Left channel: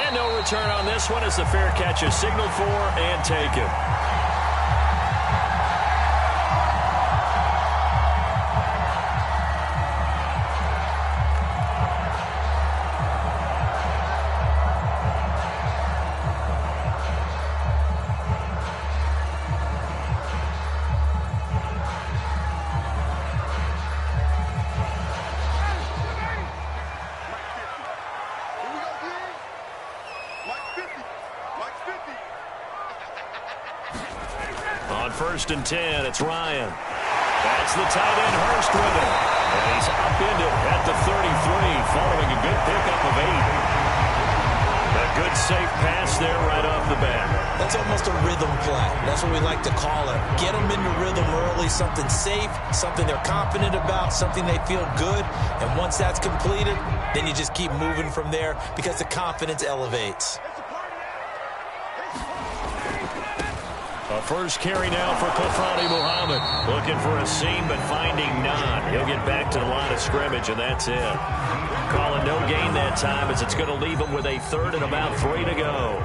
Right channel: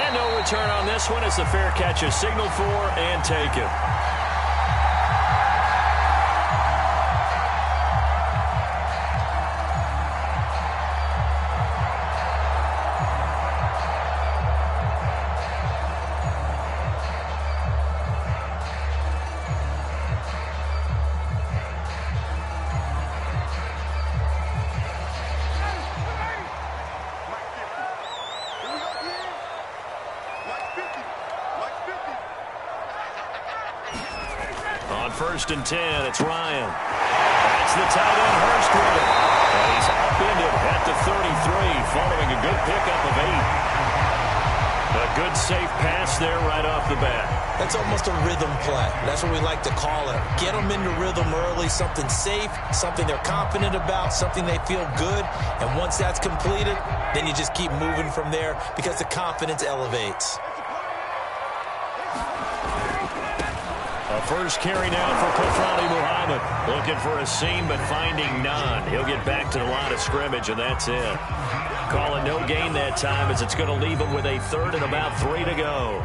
And no return on this one as the fair catch is signaled for and taken. On 1st and 10, it's Ryan. That's the tight end Hurst with it. And he's upended at the 33 following a good pickup of 8. A good safe pass there right off the bat. That's almost a rhythm play. That's what we like to call it. Get them into rhythm early, something safe, something they're confident about, something they feel good. And once that's completed, then you just keep moving from there because the confidence elevates. A first carry now for Kofrani Muhammad. Looking for a seam, but finding none. He'll get back to the line of scrimmage, and that's it. Calling no gain that time as it's going to leave him with a 3rd and about 3 to go.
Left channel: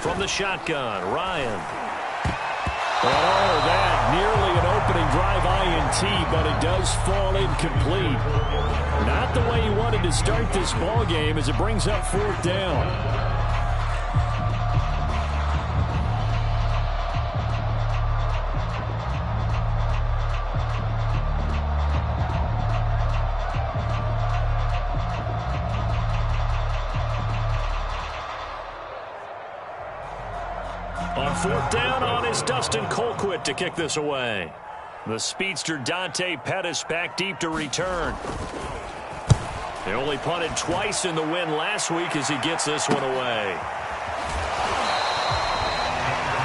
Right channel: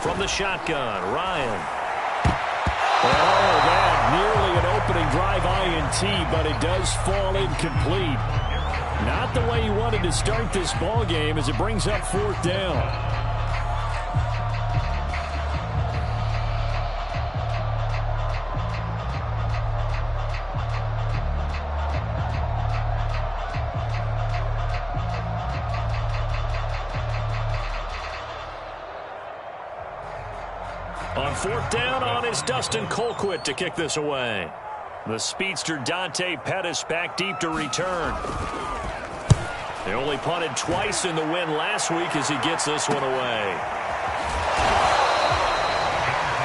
From the shotgun, Ryan. Oh, that nearly an opening drive INT, but it does fall incomplete. Not the way he wanted to start this ball game as it brings up 4th down. On 4th down on is Dustin Colquitt to kick this away. The speedster Dante Pettis back deep to return. They only punted twice in the win last week as he gets this one away.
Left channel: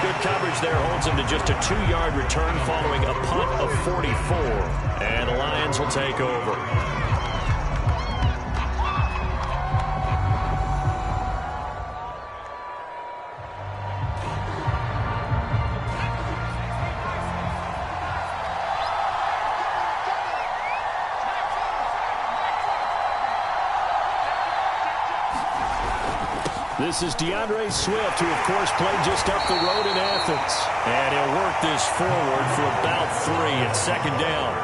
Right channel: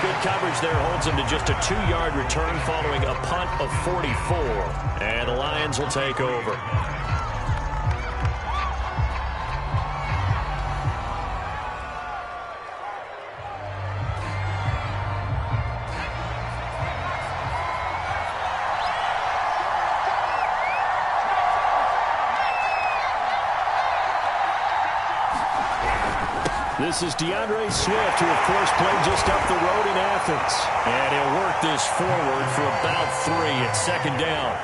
Good coverage there holds him to just a 2-yard return following a punt of 44. And the Lions will take over. This is DeAndre Swift, who, of course, played just up the road in Athens. And he'll work this forward for about 3 at 2nd down.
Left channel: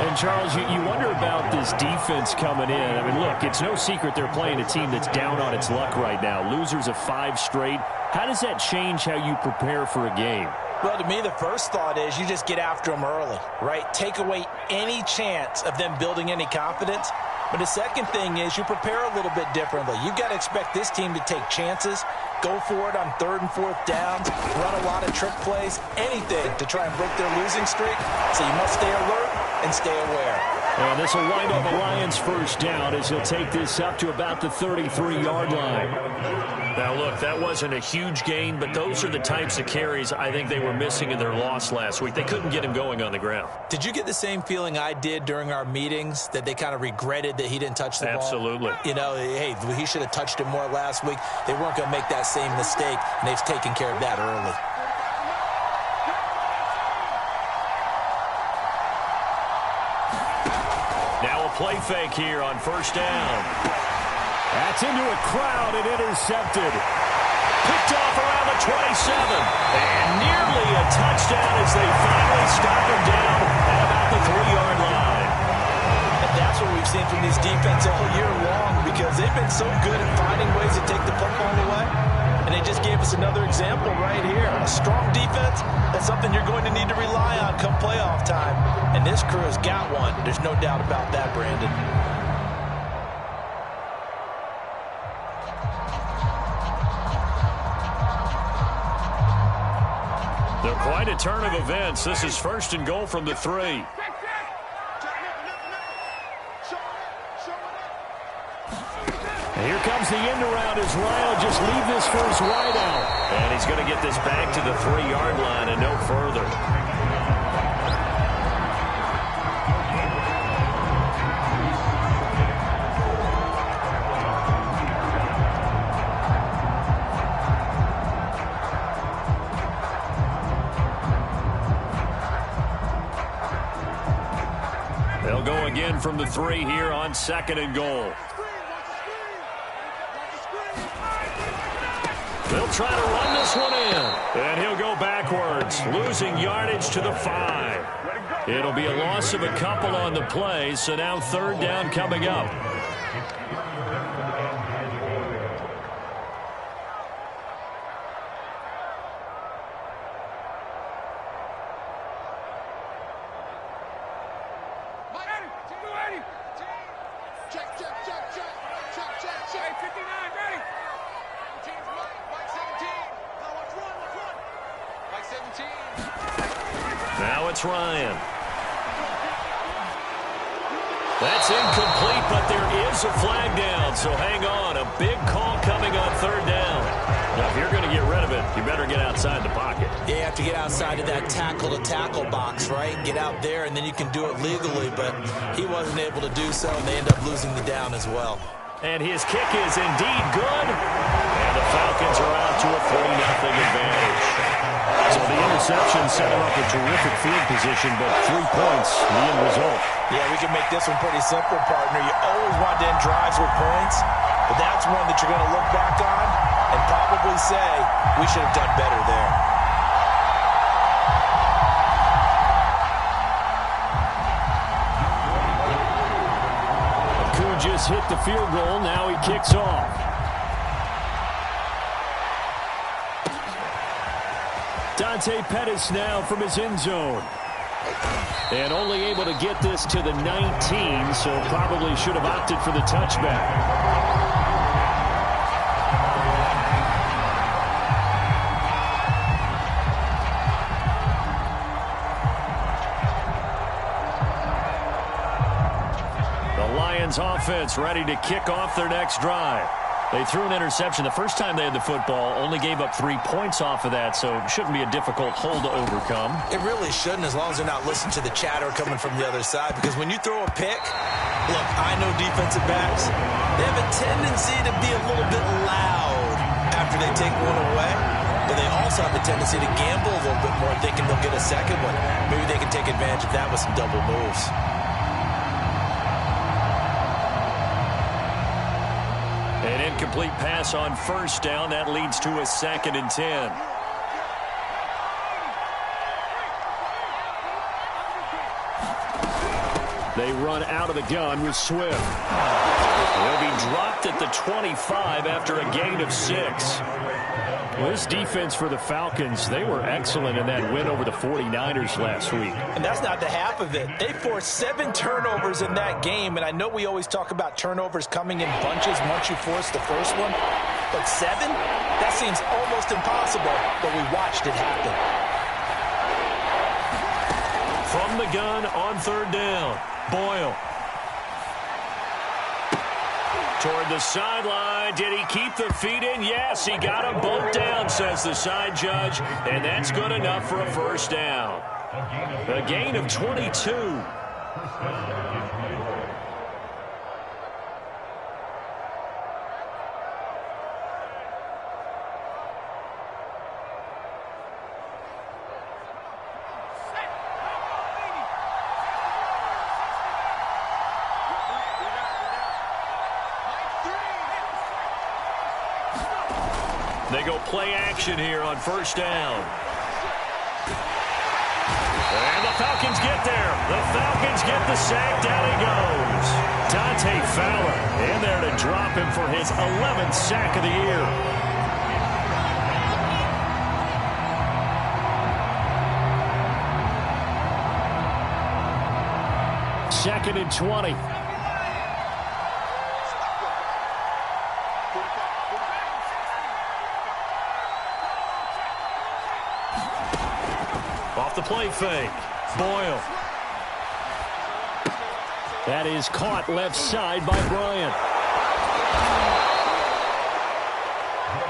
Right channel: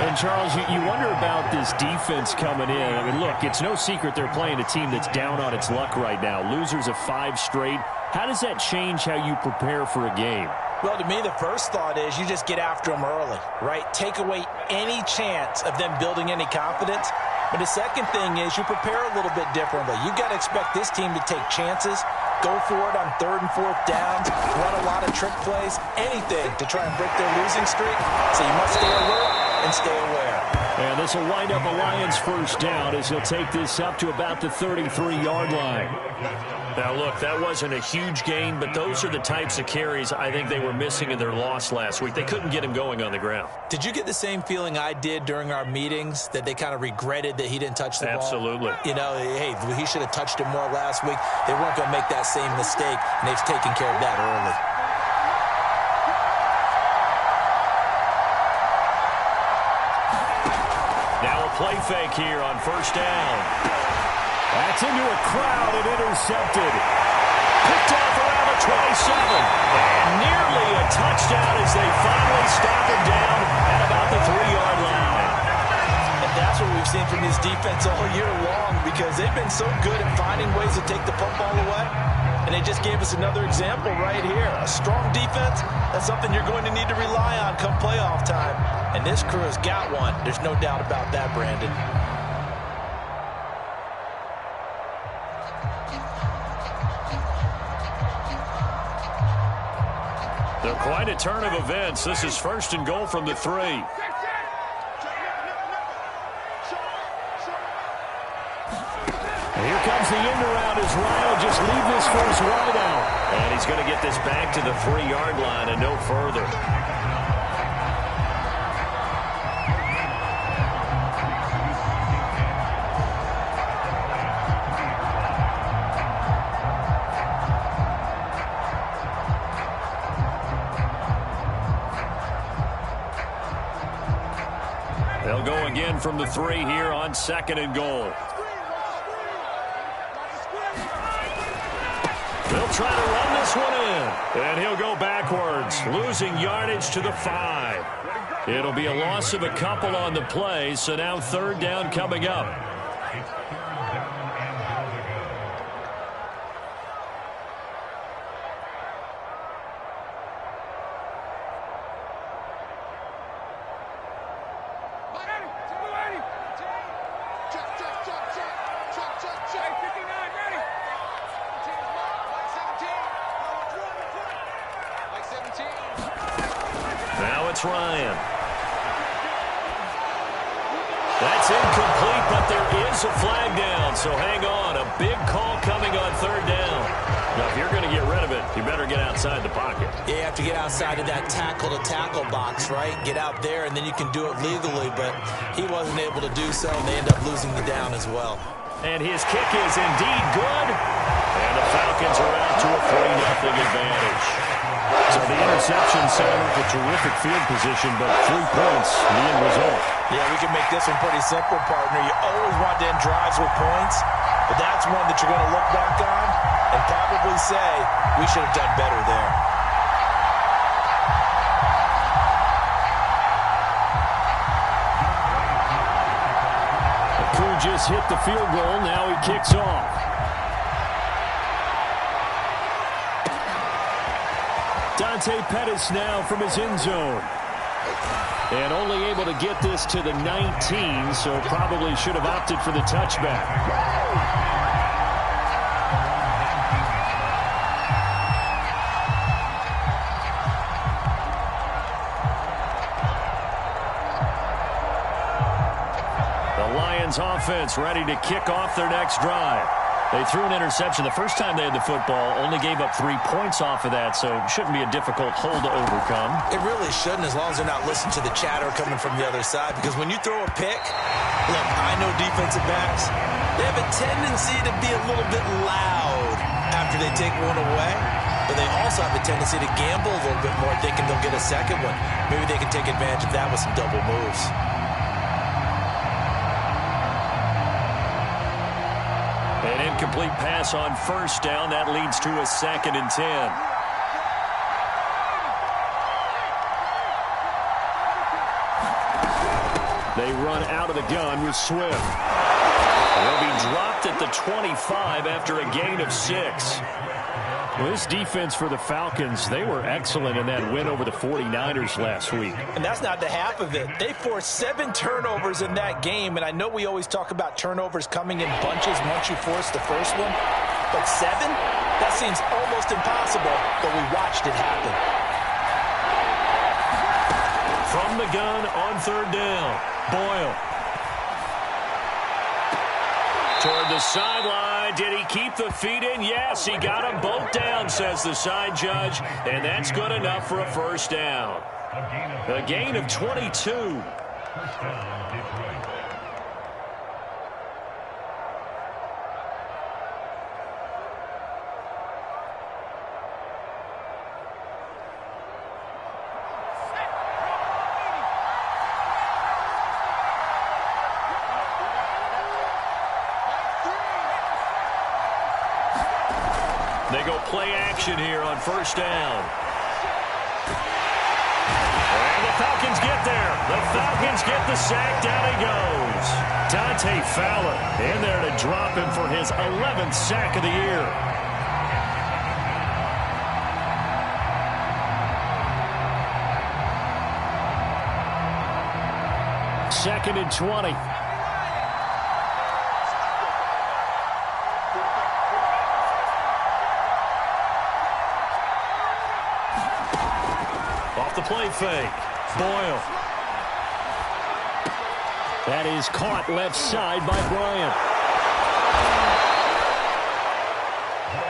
And, Charles, you wonder about this defense coming in. I mean, look, it's no secret they're playing a team that's down on its luck right now. Losers of 5 straight. How does that change how you prepare for a game? Well, to me, the first thought is you just get after them early, right? Take away any chance of them building any confidence. But the second thing is you prepare a little bit differently. You've got to expect this team to take chances, go for it on 3rd and 4th downs, run a lot of trick plays, anything to try and break their losing streak. So you must stay alert and stay aware. And this will wind up a Lions 1st down as he'll take this up to about the 33-yard line. Now, look, that wasn't a huge gain, but those are the types of carries I think they were missing in their loss last week. They couldn't get him going on the ground. Did you get the same feeling I did during our meetings, that they kind of regretted that he didn't touch the ball? Absolutely. You know, hey, he should have touched it more last week. They weren't going to make that same mistake, and they've taken care of that early. Now a play fake here on 1st down. That's into a crowd and intercepted. Picked off around the 27. And nearly a touchdown as they finally stop him down at about the 3-yard line. And that's what we've seen from this defense all year long, because they've been so good at finding ways to take the football away. And they just gave us another example right here. A strong defense, that's something you're going to need to rely on come playoff time. And this crew has got one. There's no doubt about that, Brandon. They're quite a turn of events. This is 1st and goal from the 3. Here comes the end around as Ryan will just leave this for his wide out. And he's going to get this back to the 3-yard line and no further. They'll go again from the 3 here on 2nd and goal. They'll try to run this one in. And he'll go backwards, losing yardage to the 5. It'll be a loss of a couple on the play, so now 3rd down coming up. Now it's Ryan. That's incomplete, but there is a flag down, so hang on. A big call coming on 3rd down. Now, if you're going to get rid of it, you better get outside the pocket. Yeah, you have to get outside of that tackle-to-tackle box, right? Get out there, and then you can do it legally, but he wasn't able to do so, and they end up losing the down as well. And his kick is indeed good. And the Falcons are out to a 3-0 advantage. So the interception set him up with terrific field position, but 3 points, the end result. Yeah, we can make this one pretty simple, partner. You always want to end drives with points, but that's one that you're going to look back on and probably say, we should have done better there. Kuhn just hit the field goal. Now he kicks off. Dante Pettis now from his end zone. And only able to get this to the 19, so probably should have opted for the touchback. The Lions offense ready to kick off their next drive. They threw an interception the first time they had the football, only gave up 3 points off of that, so it shouldn't be a difficult hole to overcome. It really shouldn't, as long as they're not listening to the chatter coming from the other side, because when you throw a pick, look, I know defensive backs, they have a tendency to be a little bit loud after they take one away, but they also have a tendency to gamble a little bit more, thinking they'll get a second one. Maybe they can take advantage of that with some double moves. An incomplete pass on 1st down. That leads to a 2nd and 10. They run out of the gun with Swift. He'll be dropped at the 25 after a gain of 6. Well, this defense for the Falcons, they were excellent in that win over the 49ers last week. And that's not the half of it. They forced 7 turnovers in that game, and I know we always talk about turnovers coming in bunches once you force the first one, but 7? That seems almost impossible, but we watched it happen. From the gun on 3rd down, Boyle. Toward the sideline. Did he keep the feet in? Yes, he got them both down, says the side judge, and that's good enough for a 1st down. A gain of 22. They go play action here on 1st down. And the Falcons get there. The Falcons get the sack. Down he goes. Dante Fowler in there to drop him for his 11th sack of the year. Second and 20. Off the play fake. Boyle. That is caught left side by Bryant.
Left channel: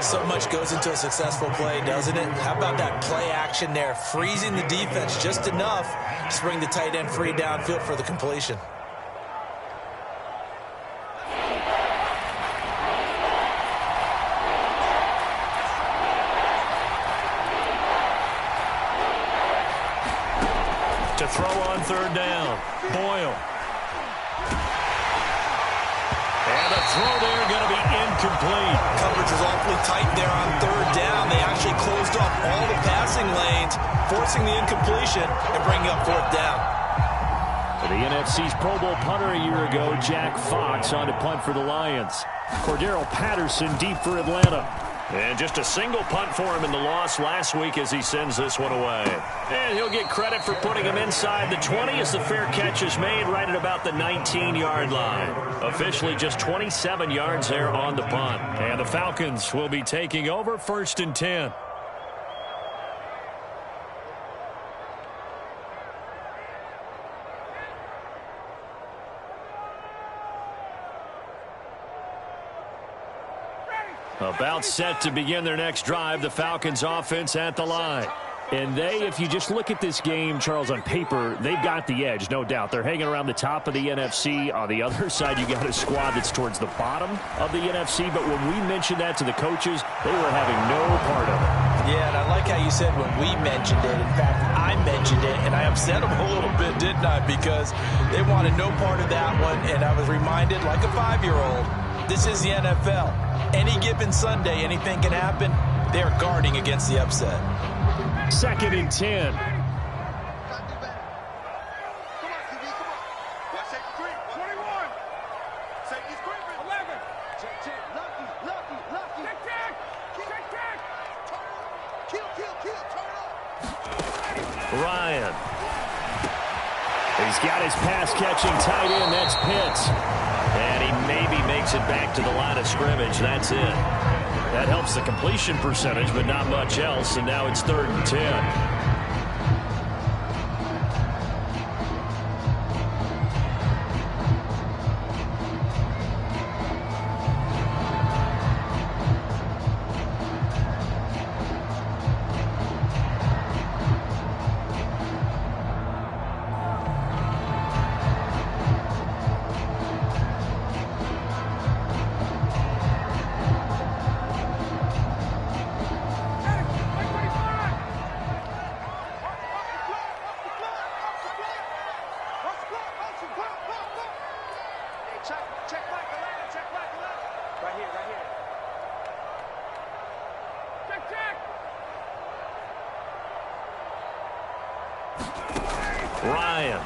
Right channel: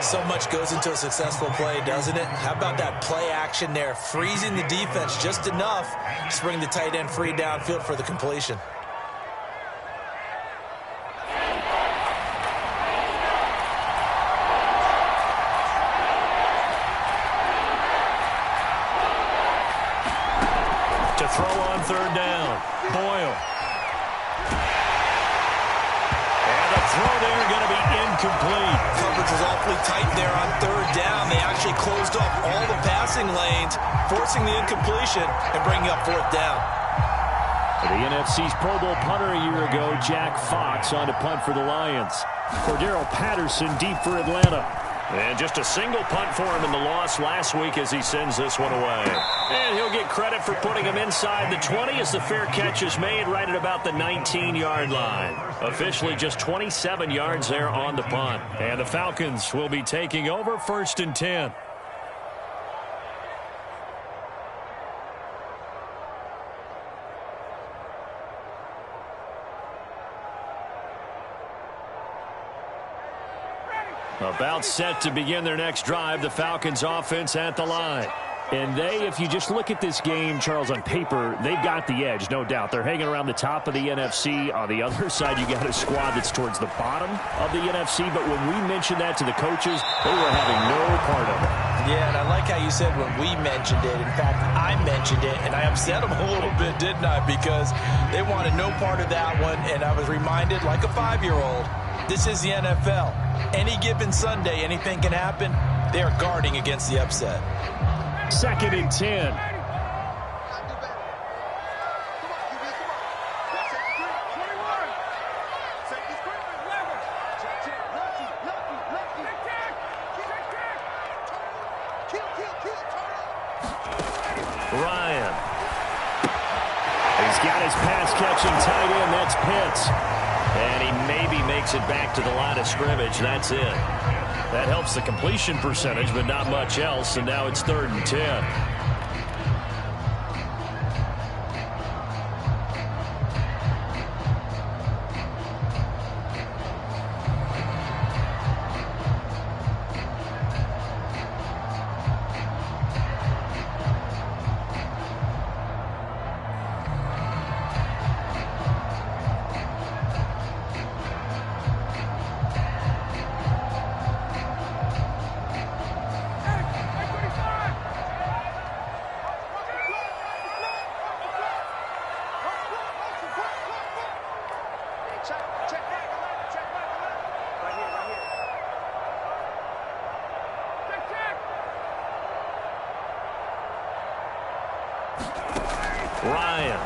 So much goes into a successful play, doesn't it? How about that play action there, freezing the defense just enough to bring the tight end free downfield for the completion. To throw on third down, Boyle. And the throw there going to be incomplete. Coverage was awfully tight there on third down. They actually closed off all the passing lanes, forcing the incompletion and bringing up fourth down. The NFC's Pro Bowl punter a year ago, Jack Fox, on to punt for the Lions. Cordero Patterson deep for Atlanta. And just a single punt for him in the loss last week as he sends this one away. And he'll get credit for putting him inside the 20 as the fair catch is made right at about the 19-yard line. Officially just 27 yards there on the punt. And the Falcons will be taking over 1st and 10. About set to begin their next drive, the Falcons offense at the line. And if you just look at this game, Charles, on paper, they've got the edge, no doubt. They're hanging around the top of the NFC. On the other side, you got a squad that's towards the bottom of the NFC. But when we mentioned that to the coaches, they were having no part of it. Yeah, and I like how you said when we mentioned it. In fact, I mentioned it, and I upset them a little bit, didn't I? Because they wanted no part of that one, and I was reminded, like a 5-year-old, this is the NFL. Any given Sunday, anything can happen. They are guarding against the upset. 2nd and 10. Ryan. He's got his pass-catching tight end. That's Pitts. And he maybe makes it back to the line of scrimmage. That's it. That helps the completion percentage, but not much else. And now it's 3rd and 10. Ryan.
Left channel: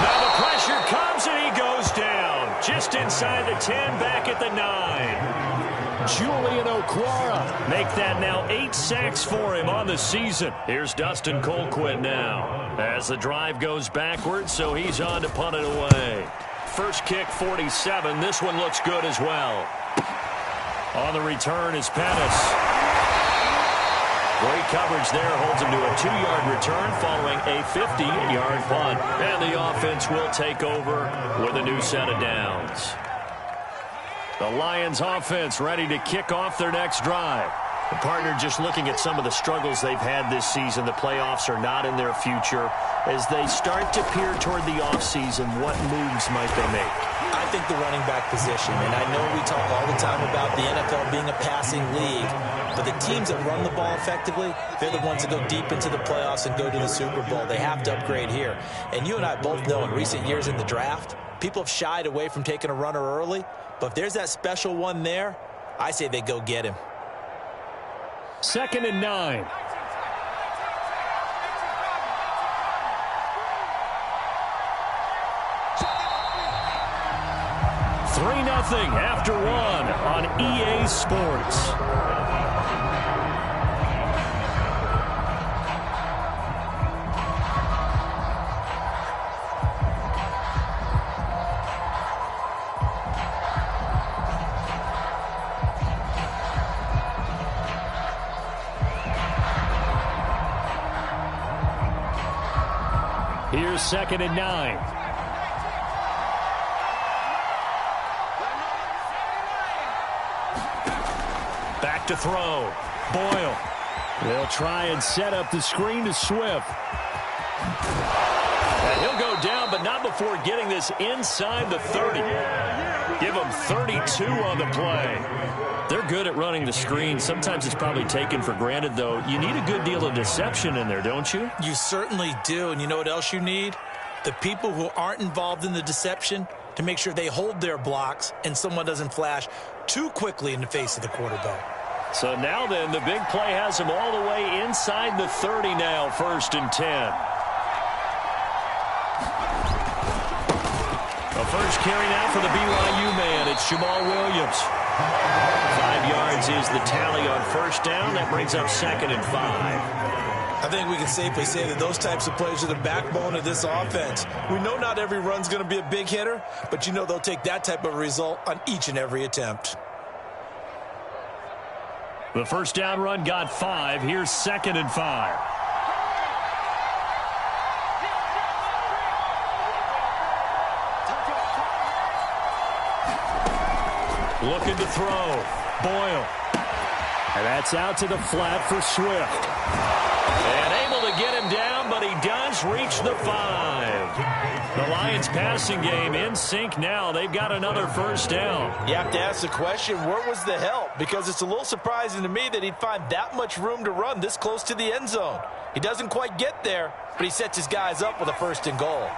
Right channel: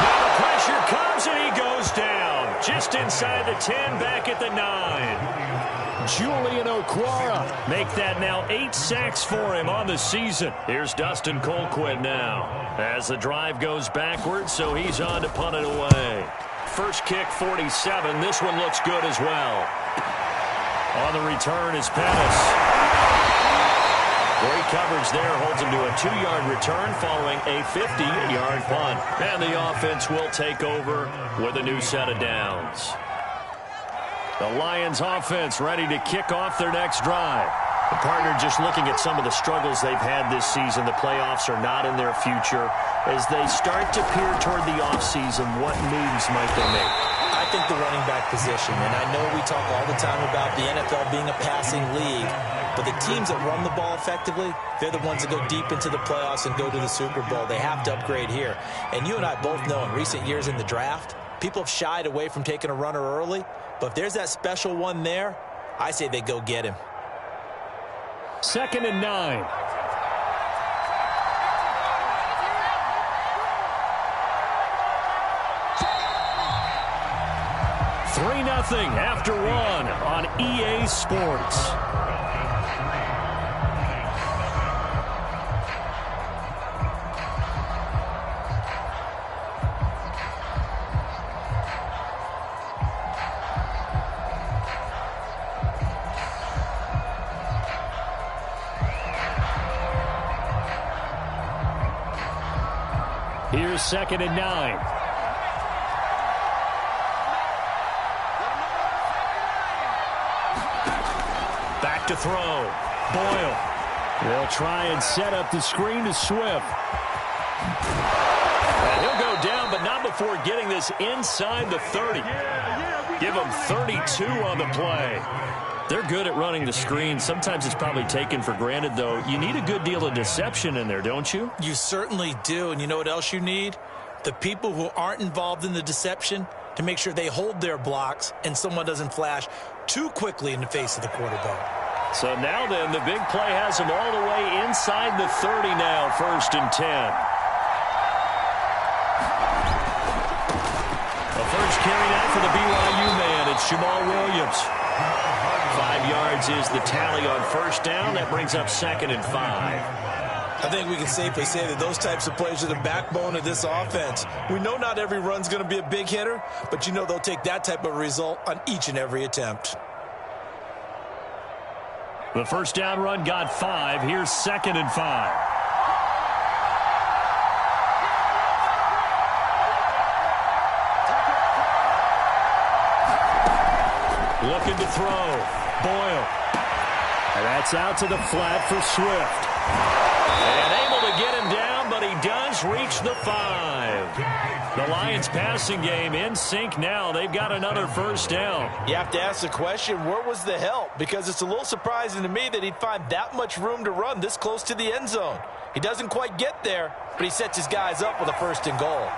Now the pressure comes and he goes down. Just inside the 10, back at the 9. Julian Okwara make that now 8 sacks for him on the season. Here's Dustin Colquitt now as the drive goes backwards, so he's on to punt it away. First kick, 47. This one looks good as well. On the return is Pettis. Great coverage there, holds him to a 2-yard return following a 50-yard punt. And the offense will take over with a new set of downs. The Lions offense ready to kick off their next drive. The partner just looking at some of the struggles they've had this season. The playoffs are not in their future. As they start to peer toward the offseason, what moves might they make? I think the running back position, and I know we talk all the time about the NFL being a passing league, but the teams that run the ball effectively, they're the ones that go deep into the playoffs and go to the Super Bowl. They have to upgrade here. And you and I both know in recent years in the draft, people have shied away from taking a runner early, but if there's that special one there, I say they go get him. 2nd and 9. Three 0 after one on EA Sports. Here's 2nd and 9. Back to throw. Boyle. They'll try and set up the screen to Swift. And he'll go down, but not before getting this inside the 30. Give him 32 on the play. They're good at running the screen. Sometimes it's probably taken for granted, though. You need a good deal of deception in there, don't you? You certainly do. And you know what else you need? The people who aren't involved in the deception to make sure they hold their blocks and someone doesn't flash too quickly in the face of the quarterback. So now then, the big play has him all the way inside the 30 now, 1st and 10. The first carry now for the BYU man. It's Jamal Williams. 5 yards is the tally on 1st down. That brings up 2nd and 5. I think we can safely say that those types of plays are the backbone of this offense. We know not every run's going to be a big hitter, but you know they'll take that type of result on each and every attempt. The 1st down run got 5. Here's 2nd and 5. Looking to throw. Boyle. And that's out to the flat for Swift. And able to get him down, but he does reach the 5. The Lions passing game in sync now. They've got another 1st down. You have to ask the question, where was the help? Because it's a little surprising to me that he'd find that much room to run this close to the end zone. He doesn't quite get there, but he sets his guys up with a 1st and goal.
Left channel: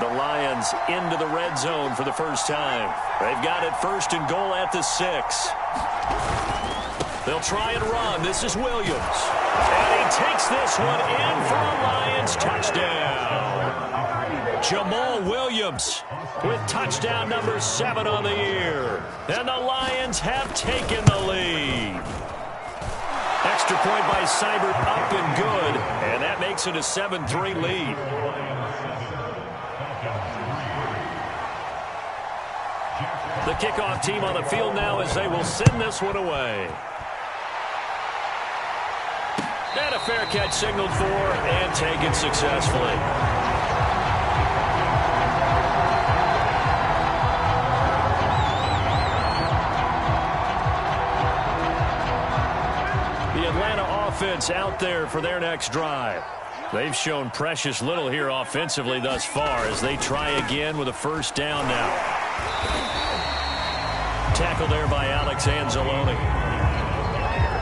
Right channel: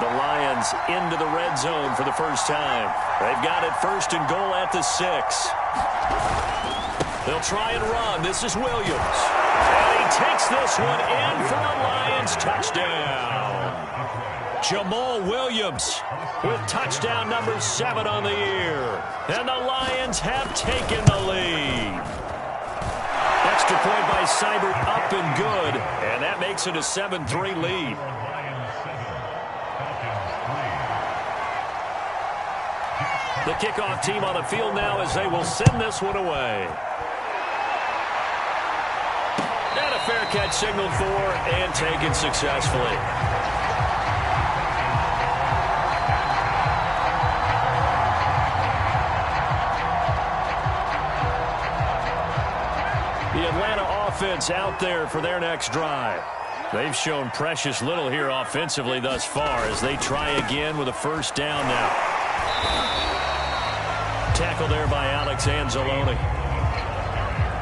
The Lions into the red zone for the first time. They've got it 1st and goal at the 6. They'll try and run. This is Williams. And he takes this one in for a Lions touchdown. Jamal Williams with touchdown number 7 on the year. And the Lions have taken the lead. Extra point by Seibert up and good. And that makes it a 7-3 lead. The kickoff team on the field now as they will send this one away. And a fair catch signaled for and taken successfully. The Atlanta offense out there for their next drive. They've shown precious little here offensively thus far as they try again with a 1st down now. Tackle there by Alex Anzalone.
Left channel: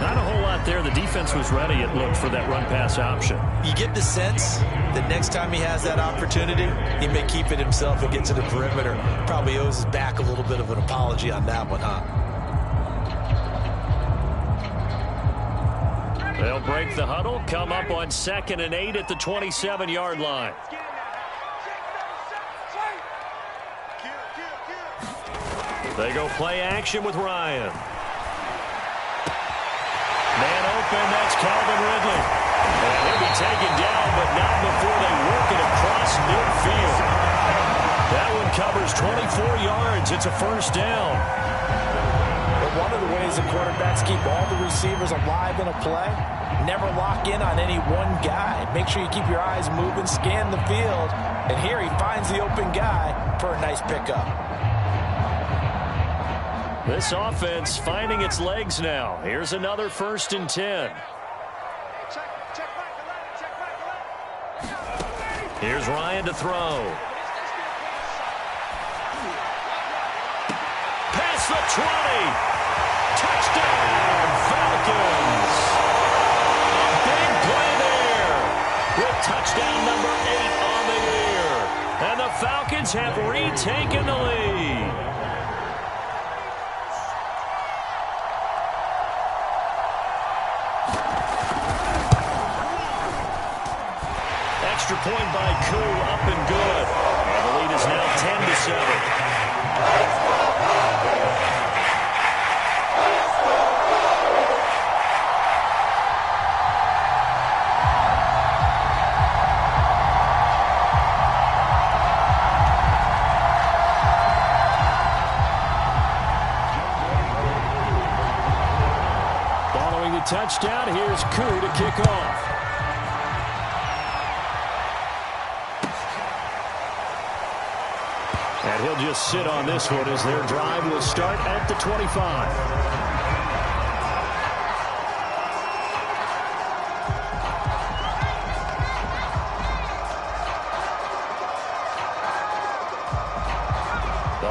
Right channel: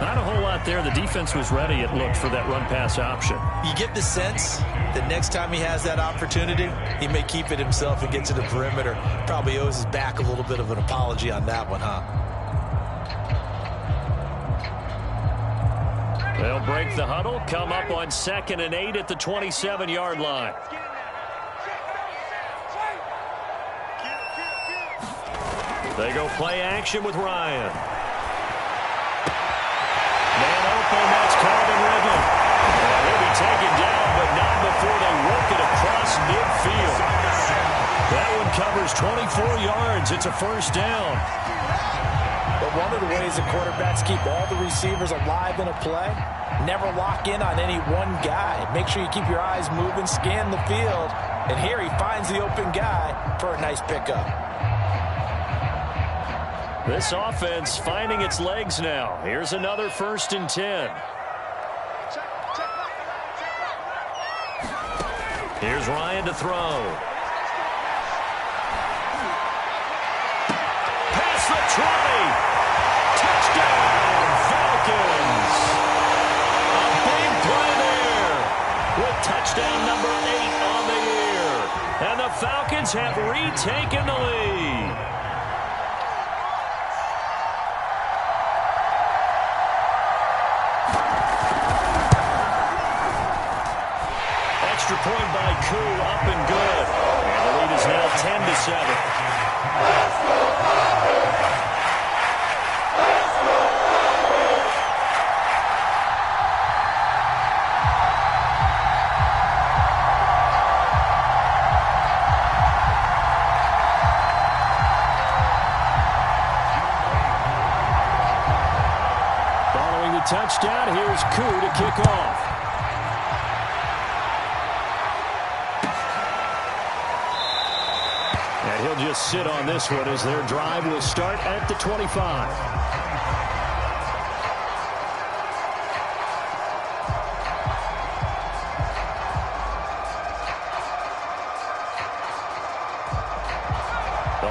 Not a whole lot there. The defense was ready, it looked, for that run-pass option. You get the sense that next time he has that opportunity, he may keep it himself and get to the perimeter. Probably owes his back a little bit of an apology on that one, huh? They'll break the huddle, come up on 2nd and 8 at the 27-yard line. They go play action with Ryan. Man open, that's Calvin Ridley. And he'll be taken down, but not before they work it across midfield. That one covers 24 yards. It's a 1st down. But one of the ways that quarterbacks keep all the receivers alive in a play, never lock in on any one guy. Make sure you keep your eyes moving, scan the field. And here he finds the open guy for a nice pickup. This offense finding its legs now. Here's another 1st and 10. Here's Ryan to throw. Past the 20. Touchdown, Falcons. A big play there with touchdown number 8 on the year. And the Falcons have retaken the lead. Extra point by Koo, up and good. And the lead is now 10-7. Following the touchdown, here's Koo to kick off. And he'll just sit on this one as their drive will start at the 25.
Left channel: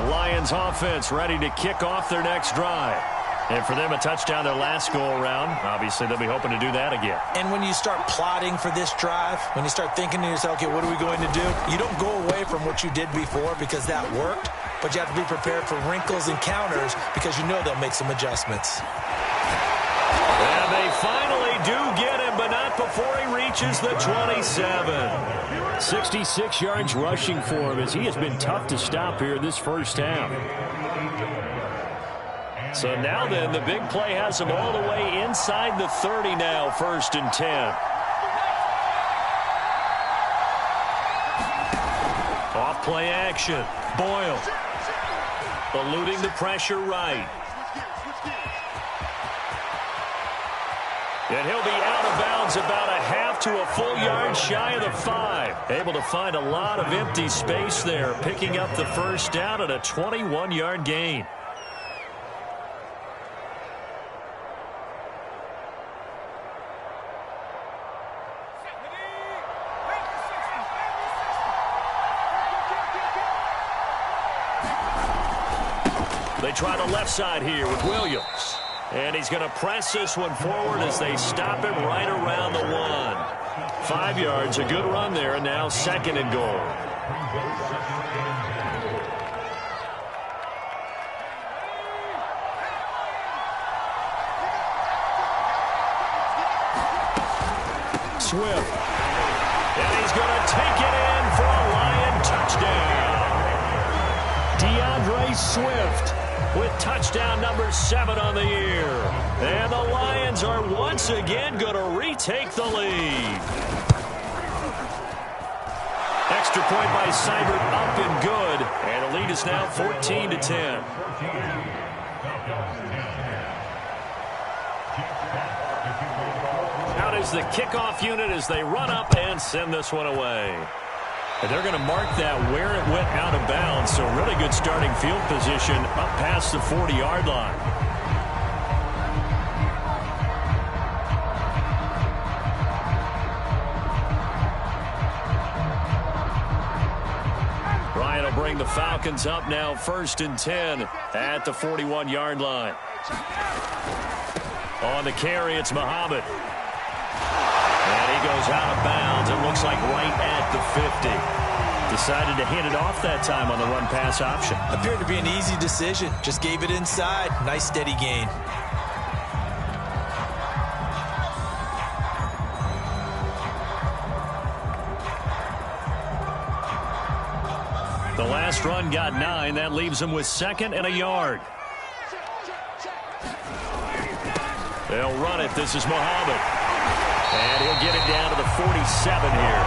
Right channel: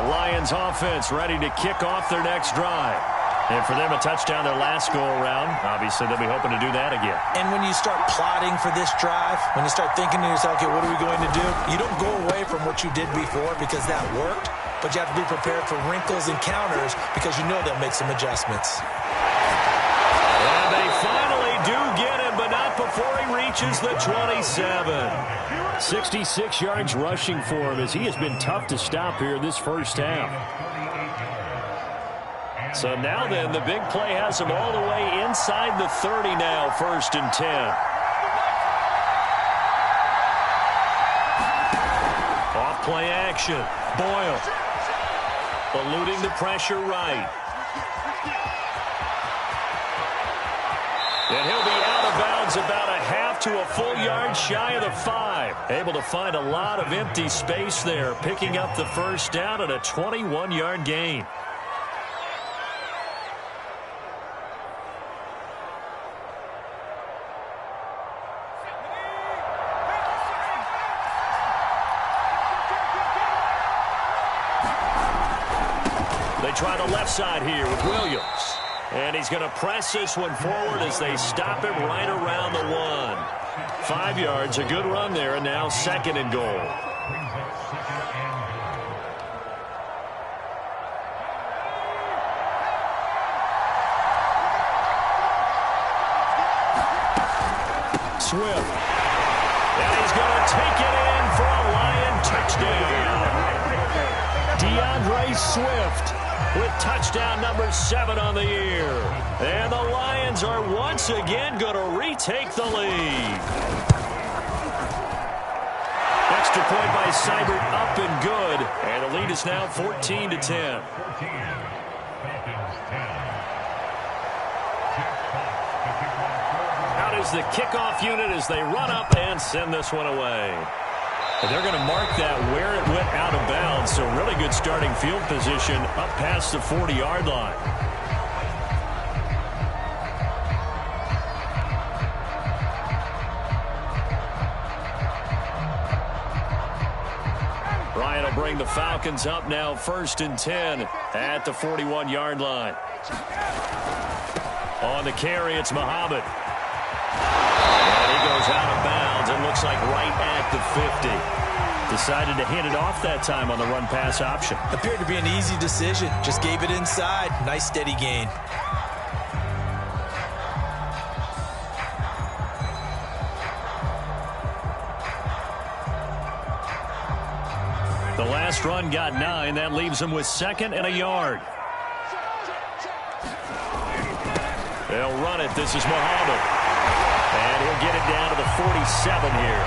Lions offense ready to kick off their next drive. And for them, a touchdown their last go-around. Obviously, they'll be hoping to do that again. And when you start plotting for this drive, when you start thinking to yourself, okay, what are we going to do? You don't go away from what you did before because that worked, but you have to be prepared for wrinkles and counters because you know they'll make some adjustments. And they finally do get him, but not before he reaches the 27. 66 yards rushing for him as he has been tough to stop here this first half. So now then, the big play has him all the way inside the 30 now, 1st and 10. Off play action. Boyle. Eluding the pressure right. And he'll be out of bounds about a half to a full yard shy of the 5. Able to find a lot of empty space there, picking up the first down at a 21-yard gain. They try the left side here with Williams. And he's going to press this one forward as they stop him right around the 1. 5 yards, a good run there, and now 2nd and goal. Swift. And he's going to take it in for a Lion touchdown. DeAndre Swift with touchdown number 7 on the year. And the Lions are once again going to retake the lead. Extra point by Seibert up and good. And the lead is now 14-10. Out is the kickoff unit as they run up and send this one away. And they're going to mark that where it went out of bounds. So really good starting field position up past the 40-yard line. Ryan will bring the Falcons up now 1st and 10 at the 41-yard line. On the carry, it's Muhammad. And he goes out of bounds. It looks like right at the 50. Decided to hand it off that time on the run-pass option. Appeared to be an easy decision. Just gave it inside. Nice steady gain. The last run got 9. That leaves him with 2nd and a yard. They'll run it. This is Muhammad. And he'll get it down to the 47 here.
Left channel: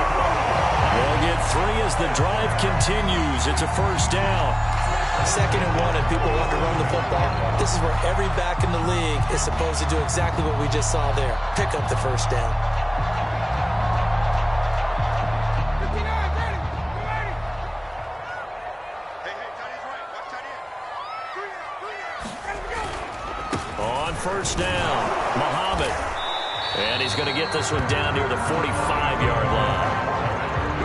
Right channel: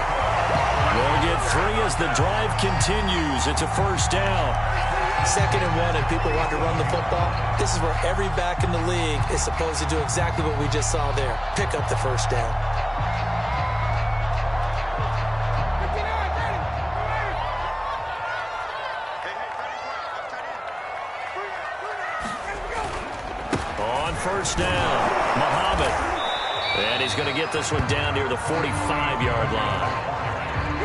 They'll get 3 as the drive continues. It's a first down. 2nd and 1, and people want to run the football. This is where every back in the league is supposed to do exactly what we just saw there. Pick up the first down. On first down, Muhammad. And he's going to get this one down near the 45-yard line.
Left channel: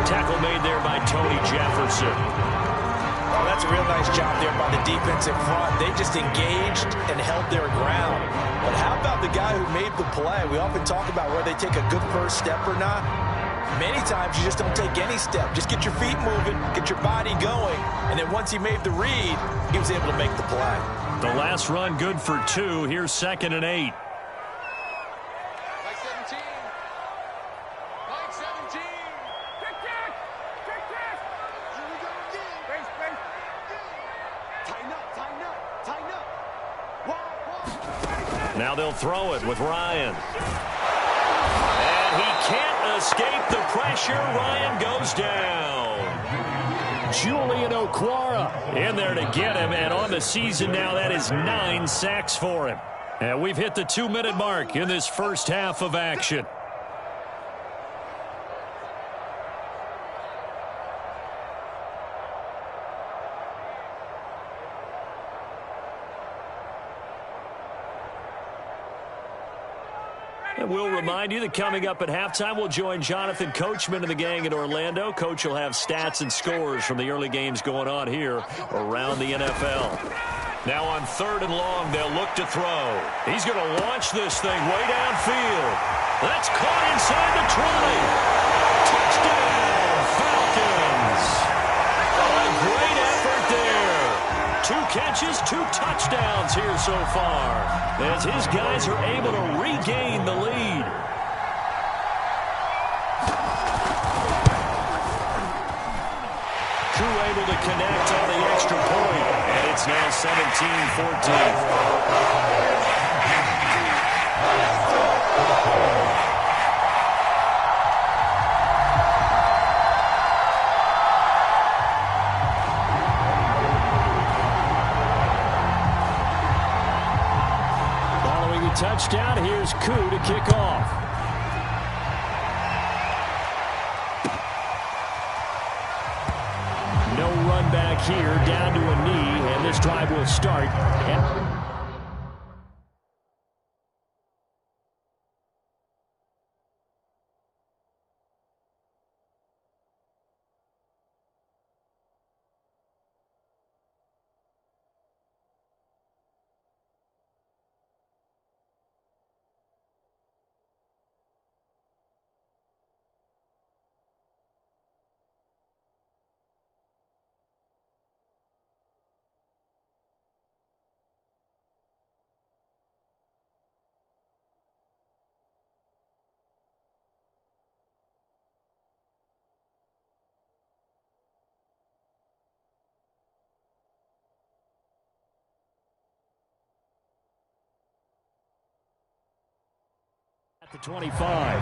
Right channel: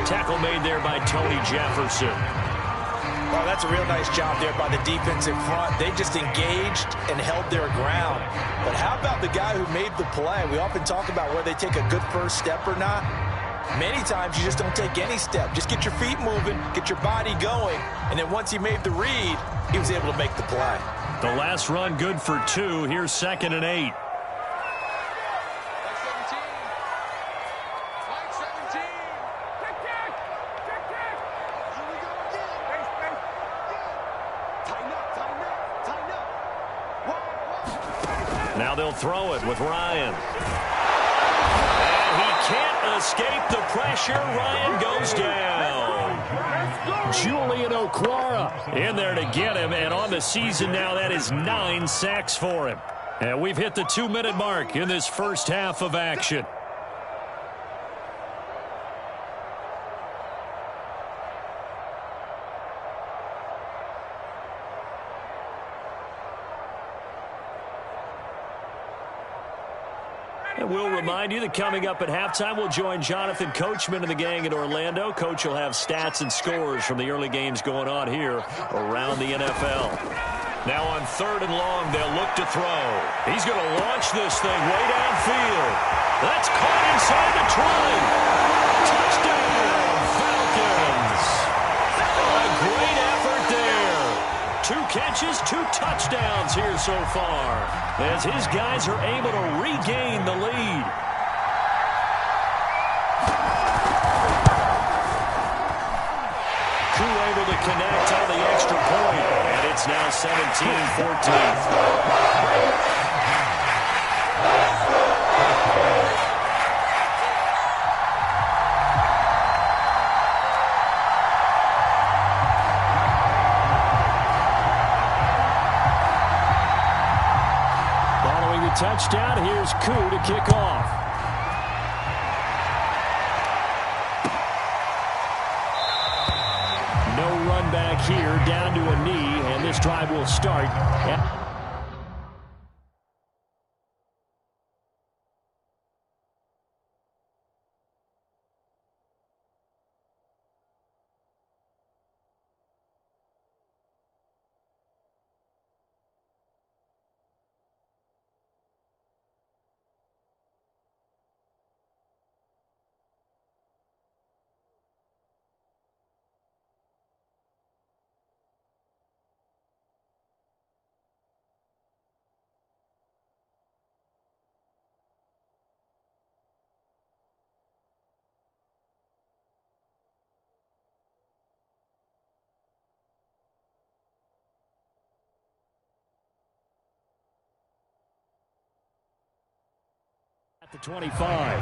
Tackle made there by Tony Jefferson. Oh, that's a real nice job there by the defense in front. They just engaged and held their ground. But how about the guy who made the play? We often talk about whether they take a good first step or not. Many times you just don't take any step. Just get your feet moving, get your body going, and then once he made the read, he was able to make the play. The last run good for 2. Here's 2nd and 8. Now they'll throw it with Ryan. And he can't escape the pressure. Ryan goes down. Julian Okwara in there to get him. And on the season now, that is 9 sacks for him. And we've hit the 2-minute mark in this first half of action. And we'll remind you that coming up at halftime, we'll join Jonathan Coachman and the gang in Orlando. Coach will have stats and scores from the early games going on here around the NFL. Now on 3rd and long, they'll look to throw. He's going to launch this thing way downfield. That's caught inside the 20. Touchdown, Falcons. A great effort there. 2 catches, 2 touchdowns here so far, as his guys are able to regain the lead. Crew able to connect on the extra point, and it's now 17-14. Following the touchdown, here's Koo to kick off. No run back here, down to a knee, and this drive will start. At the 25.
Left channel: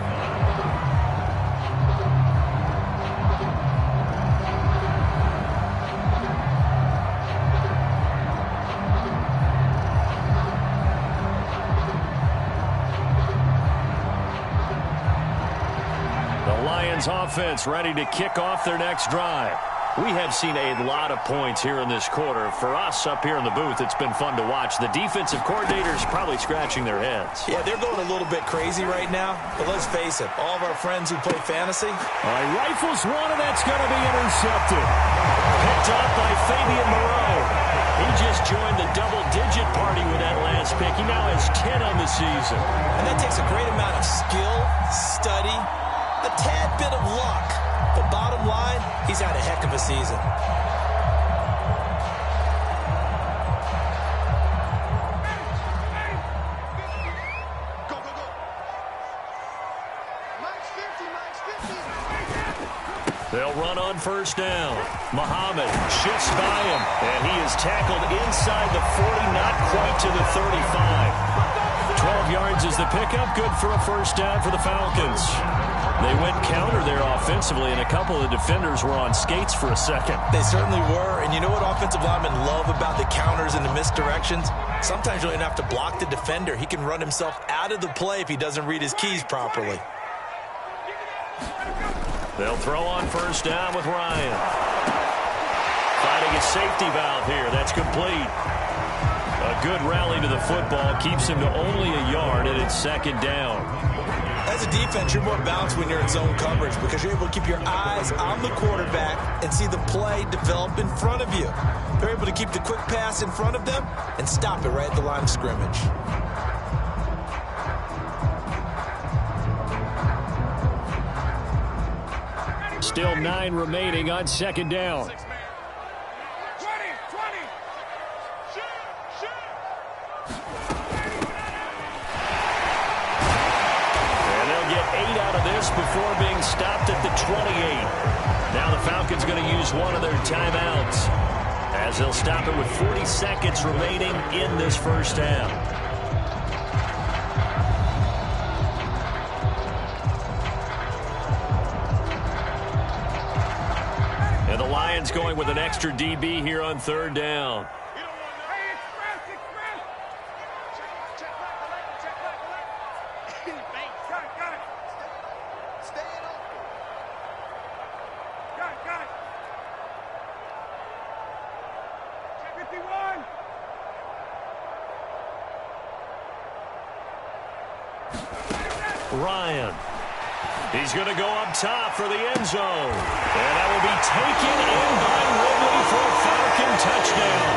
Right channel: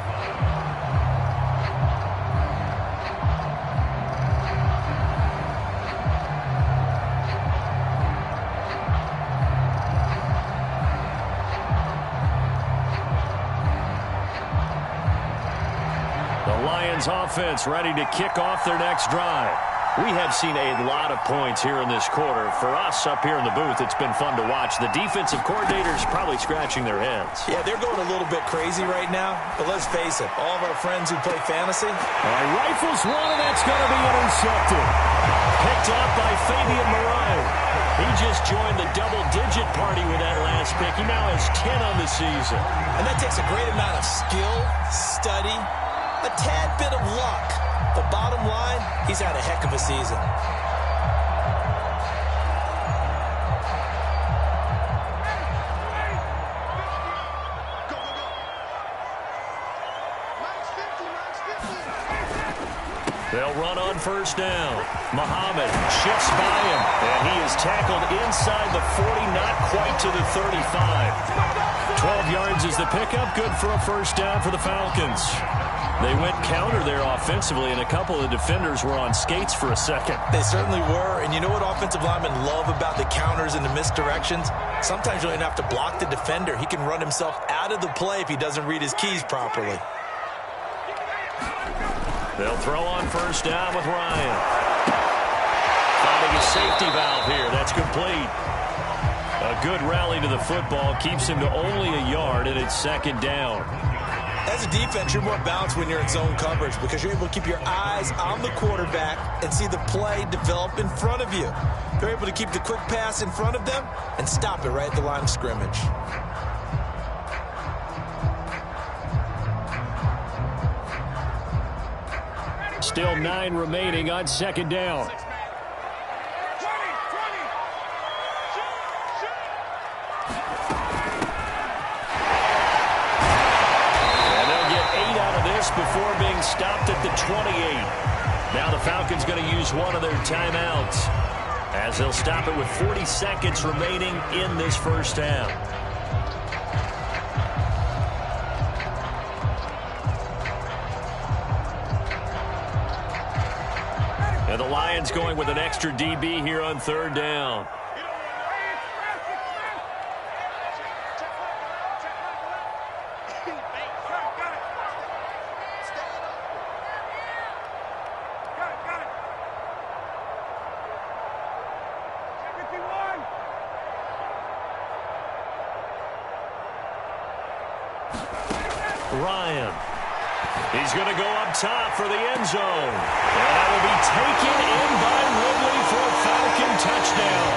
The Lions offense ready to kick off their next drive. We have seen a lot of points here in this quarter. For us up here in the booth, it's been fun to watch. The defensive coordinators probably scratching their heads. Yeah, they're going a little bit crazy right now. But let's face it, all of our friends who play fantasy. All right, rifles one, and that's going to be intercepted. Picked up by Fabian Moreau. He just joined the double-digit party with that last pick. He now has 10 on the season. And that takes a great amount of skill, study, a tad bit of luck. But bottom line, he's had a heck of a season. Go, go, go. Max 50, Max 50. They'll run on first down. Muhammad shifts by him, and he is tackled inside the 40, not quite to the 35. 12 yards is the pickup, good for a first down for the Falcons. They went counter there offensively, and a couple of defenders were on skates for a second. They certainly were, and you know what offensive linemen love about the counters and the misdirections? Sometimes you don't even have to block the defender. He can run himself out of the play if he doesn't read his keys properly. They'll throw on first down with Ryan. Finding a safety valve here. That's complete. A good rally to the football keeps him to only a yard, and it's second down. As a defense, you're more balanced when you're in zone coverage because you're able to keep your eyes on the quarterback and see the play develop in front of you. They're able to keep the quick pass in front of them and stop it right at the line of scrimmage. Still 9 remaining on second down. 20, 20. Out of this before being stopped at the 28. Now the Falcons going to use one of their timeouts as they'll stop it with 40 seconds remaining in this first half. And the Lions going with an extra DB here on third down. Ryan. He's going to go up top for the end zone. And that will be taken in by Ridley for a Falcon touchdown.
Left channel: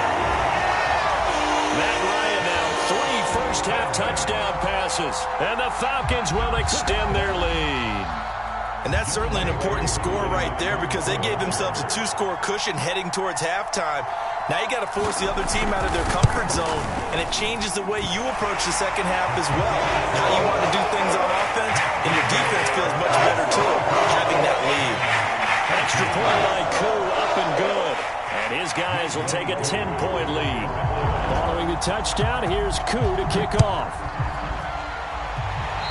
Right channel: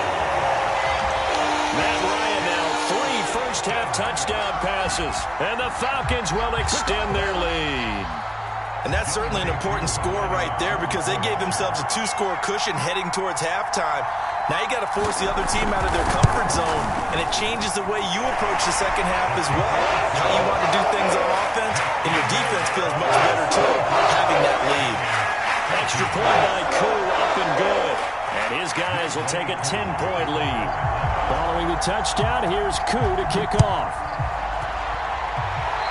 Matt Ryan now 3 first-half touchdown passes. And the Falcons will extend their lead. And that's certainly an important score right there because they gave themselves a 2-score cushion heading towards halftime. Now you got to force the other team out of their comfort zone, and it changes the way you approach the second half as well. How you want to do things on offense, and your defense feels much better too, having that lead. Extra point by Koo, up and good. And his guys will take a 10-point lead. Following the touchdown, here's Koo to kick off.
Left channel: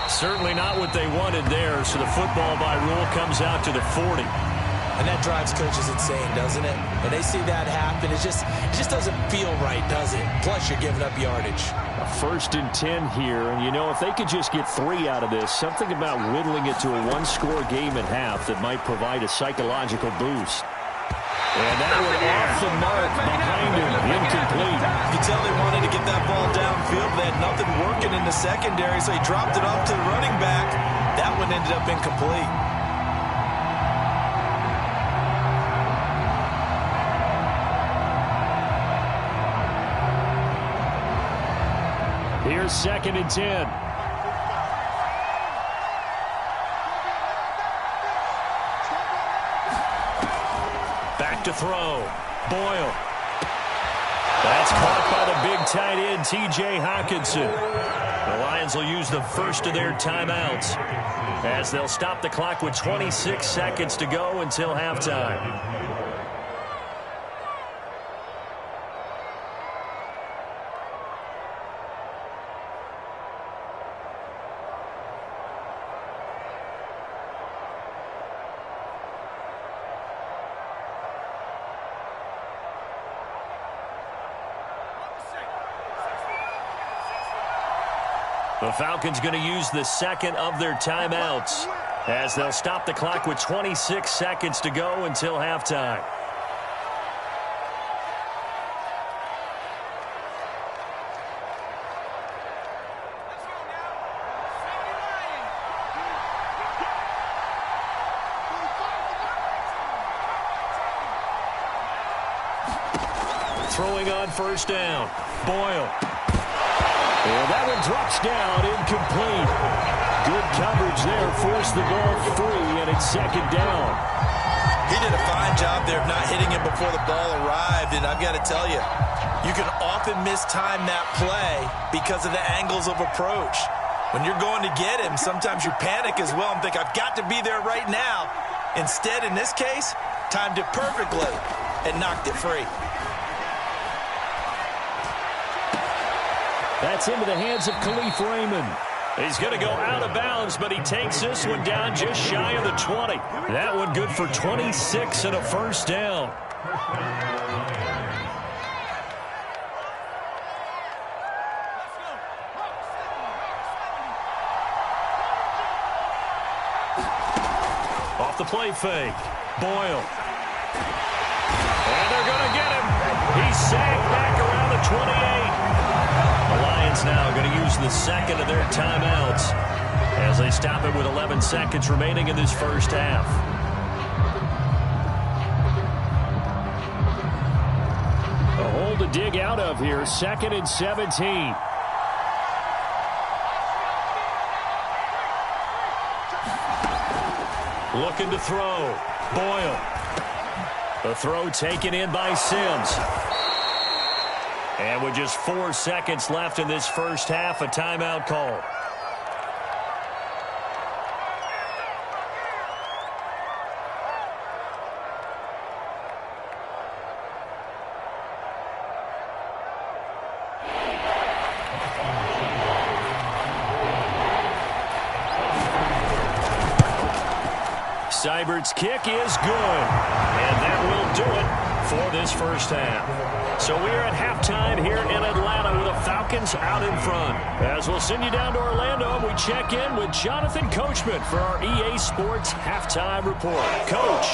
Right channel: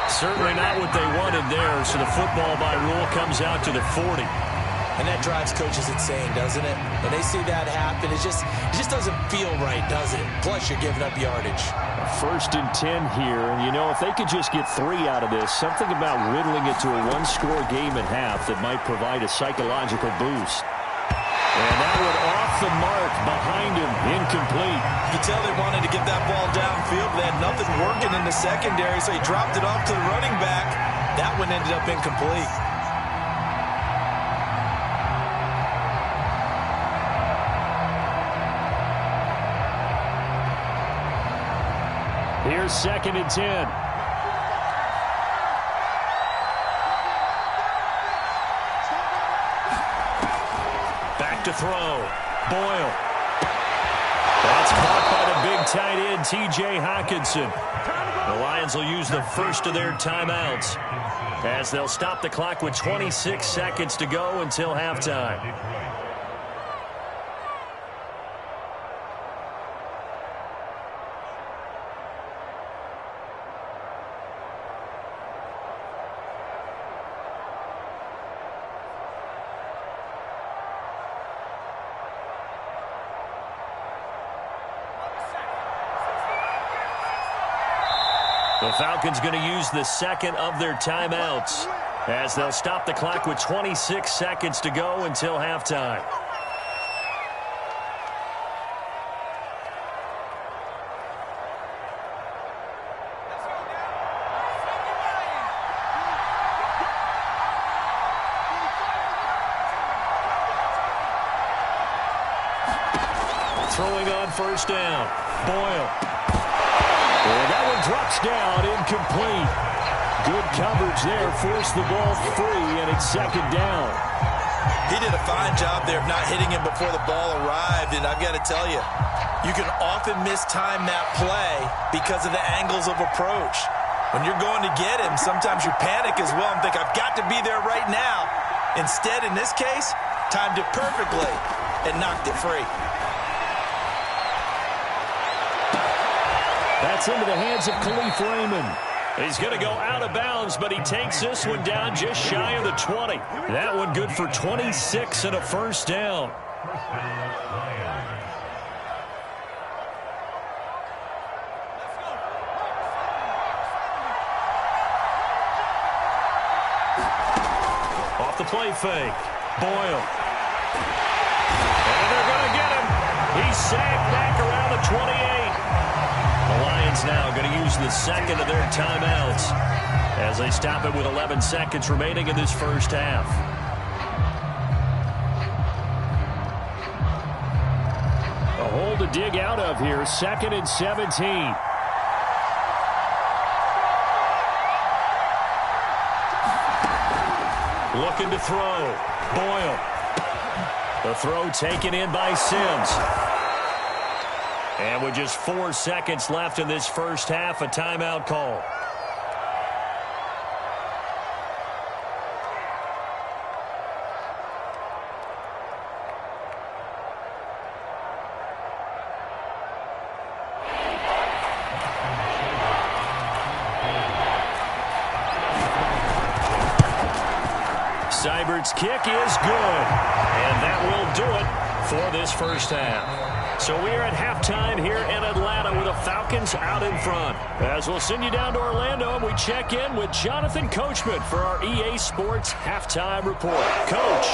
Certainly not what they wanted there, so the football by rule comes out to the 40. And that drives coaches insane, doesn't it? When they see that happen, it just doesn't feel right, does it? Plus, you're giving up yardage. A 1st and 10 here, and you know, if they could just get 3 out of this, something about whittling it to a 1-score game at half that might provide a psychological boost. And that one off the mark behind him, incomplete. You can tell they wanted to get that ball downfield, but they had nothing working in the secondary, so he dropped it off to the running back. That one ended up incomplete. Here's 2nd and 10. Back to throw. Boyle. That's caught by the big tight end, T.J. Hockenson. The Lions will use the first of their timeouts as they'll stop the clock with 26 seconds to go until halftime. The Falcons going to use the second of their timeouts as they'll stop the clock with 26 seconds to go until halftime. Throwing on 1st down. Boyle. And that one drops down, incomplete. Good coverage there, forced the ball free, and it's 2nd down. He did a fine job there of not hitting him before the ball arrived, and I've got to tell you, you can often mistime that play because of the angles of approach. When you're going to get him, sometimes you panic as well and think, I've got to be there right now. Instead, in this case, timed it perfectly and knocked it free. That's into the hands of Khalif Raymond. He's going to go out of bounds, but he takes this one down just shy of the 20. That one good for 26 and a 1st down. Off the play fake. Boyle. And they're going to get him. He's sacked back around the 28. The Lions now going to use the second of their timeouts as they stop it with 11 seconds remaining in this first half. A hole to dig out of here, 2nd and 17. Looking to throw. Boyle. The throw taken in by Sims. And with just 4 seconds left in this first half, a timeout call. Seibert's kick is good. And that will do it for this first half. So we are at halftime here in Atlanta with the Falcons out in front. As we'll send you down to Orlando and we check in with Jonathan Coachman for our EA Sports Halftime Report. Coach.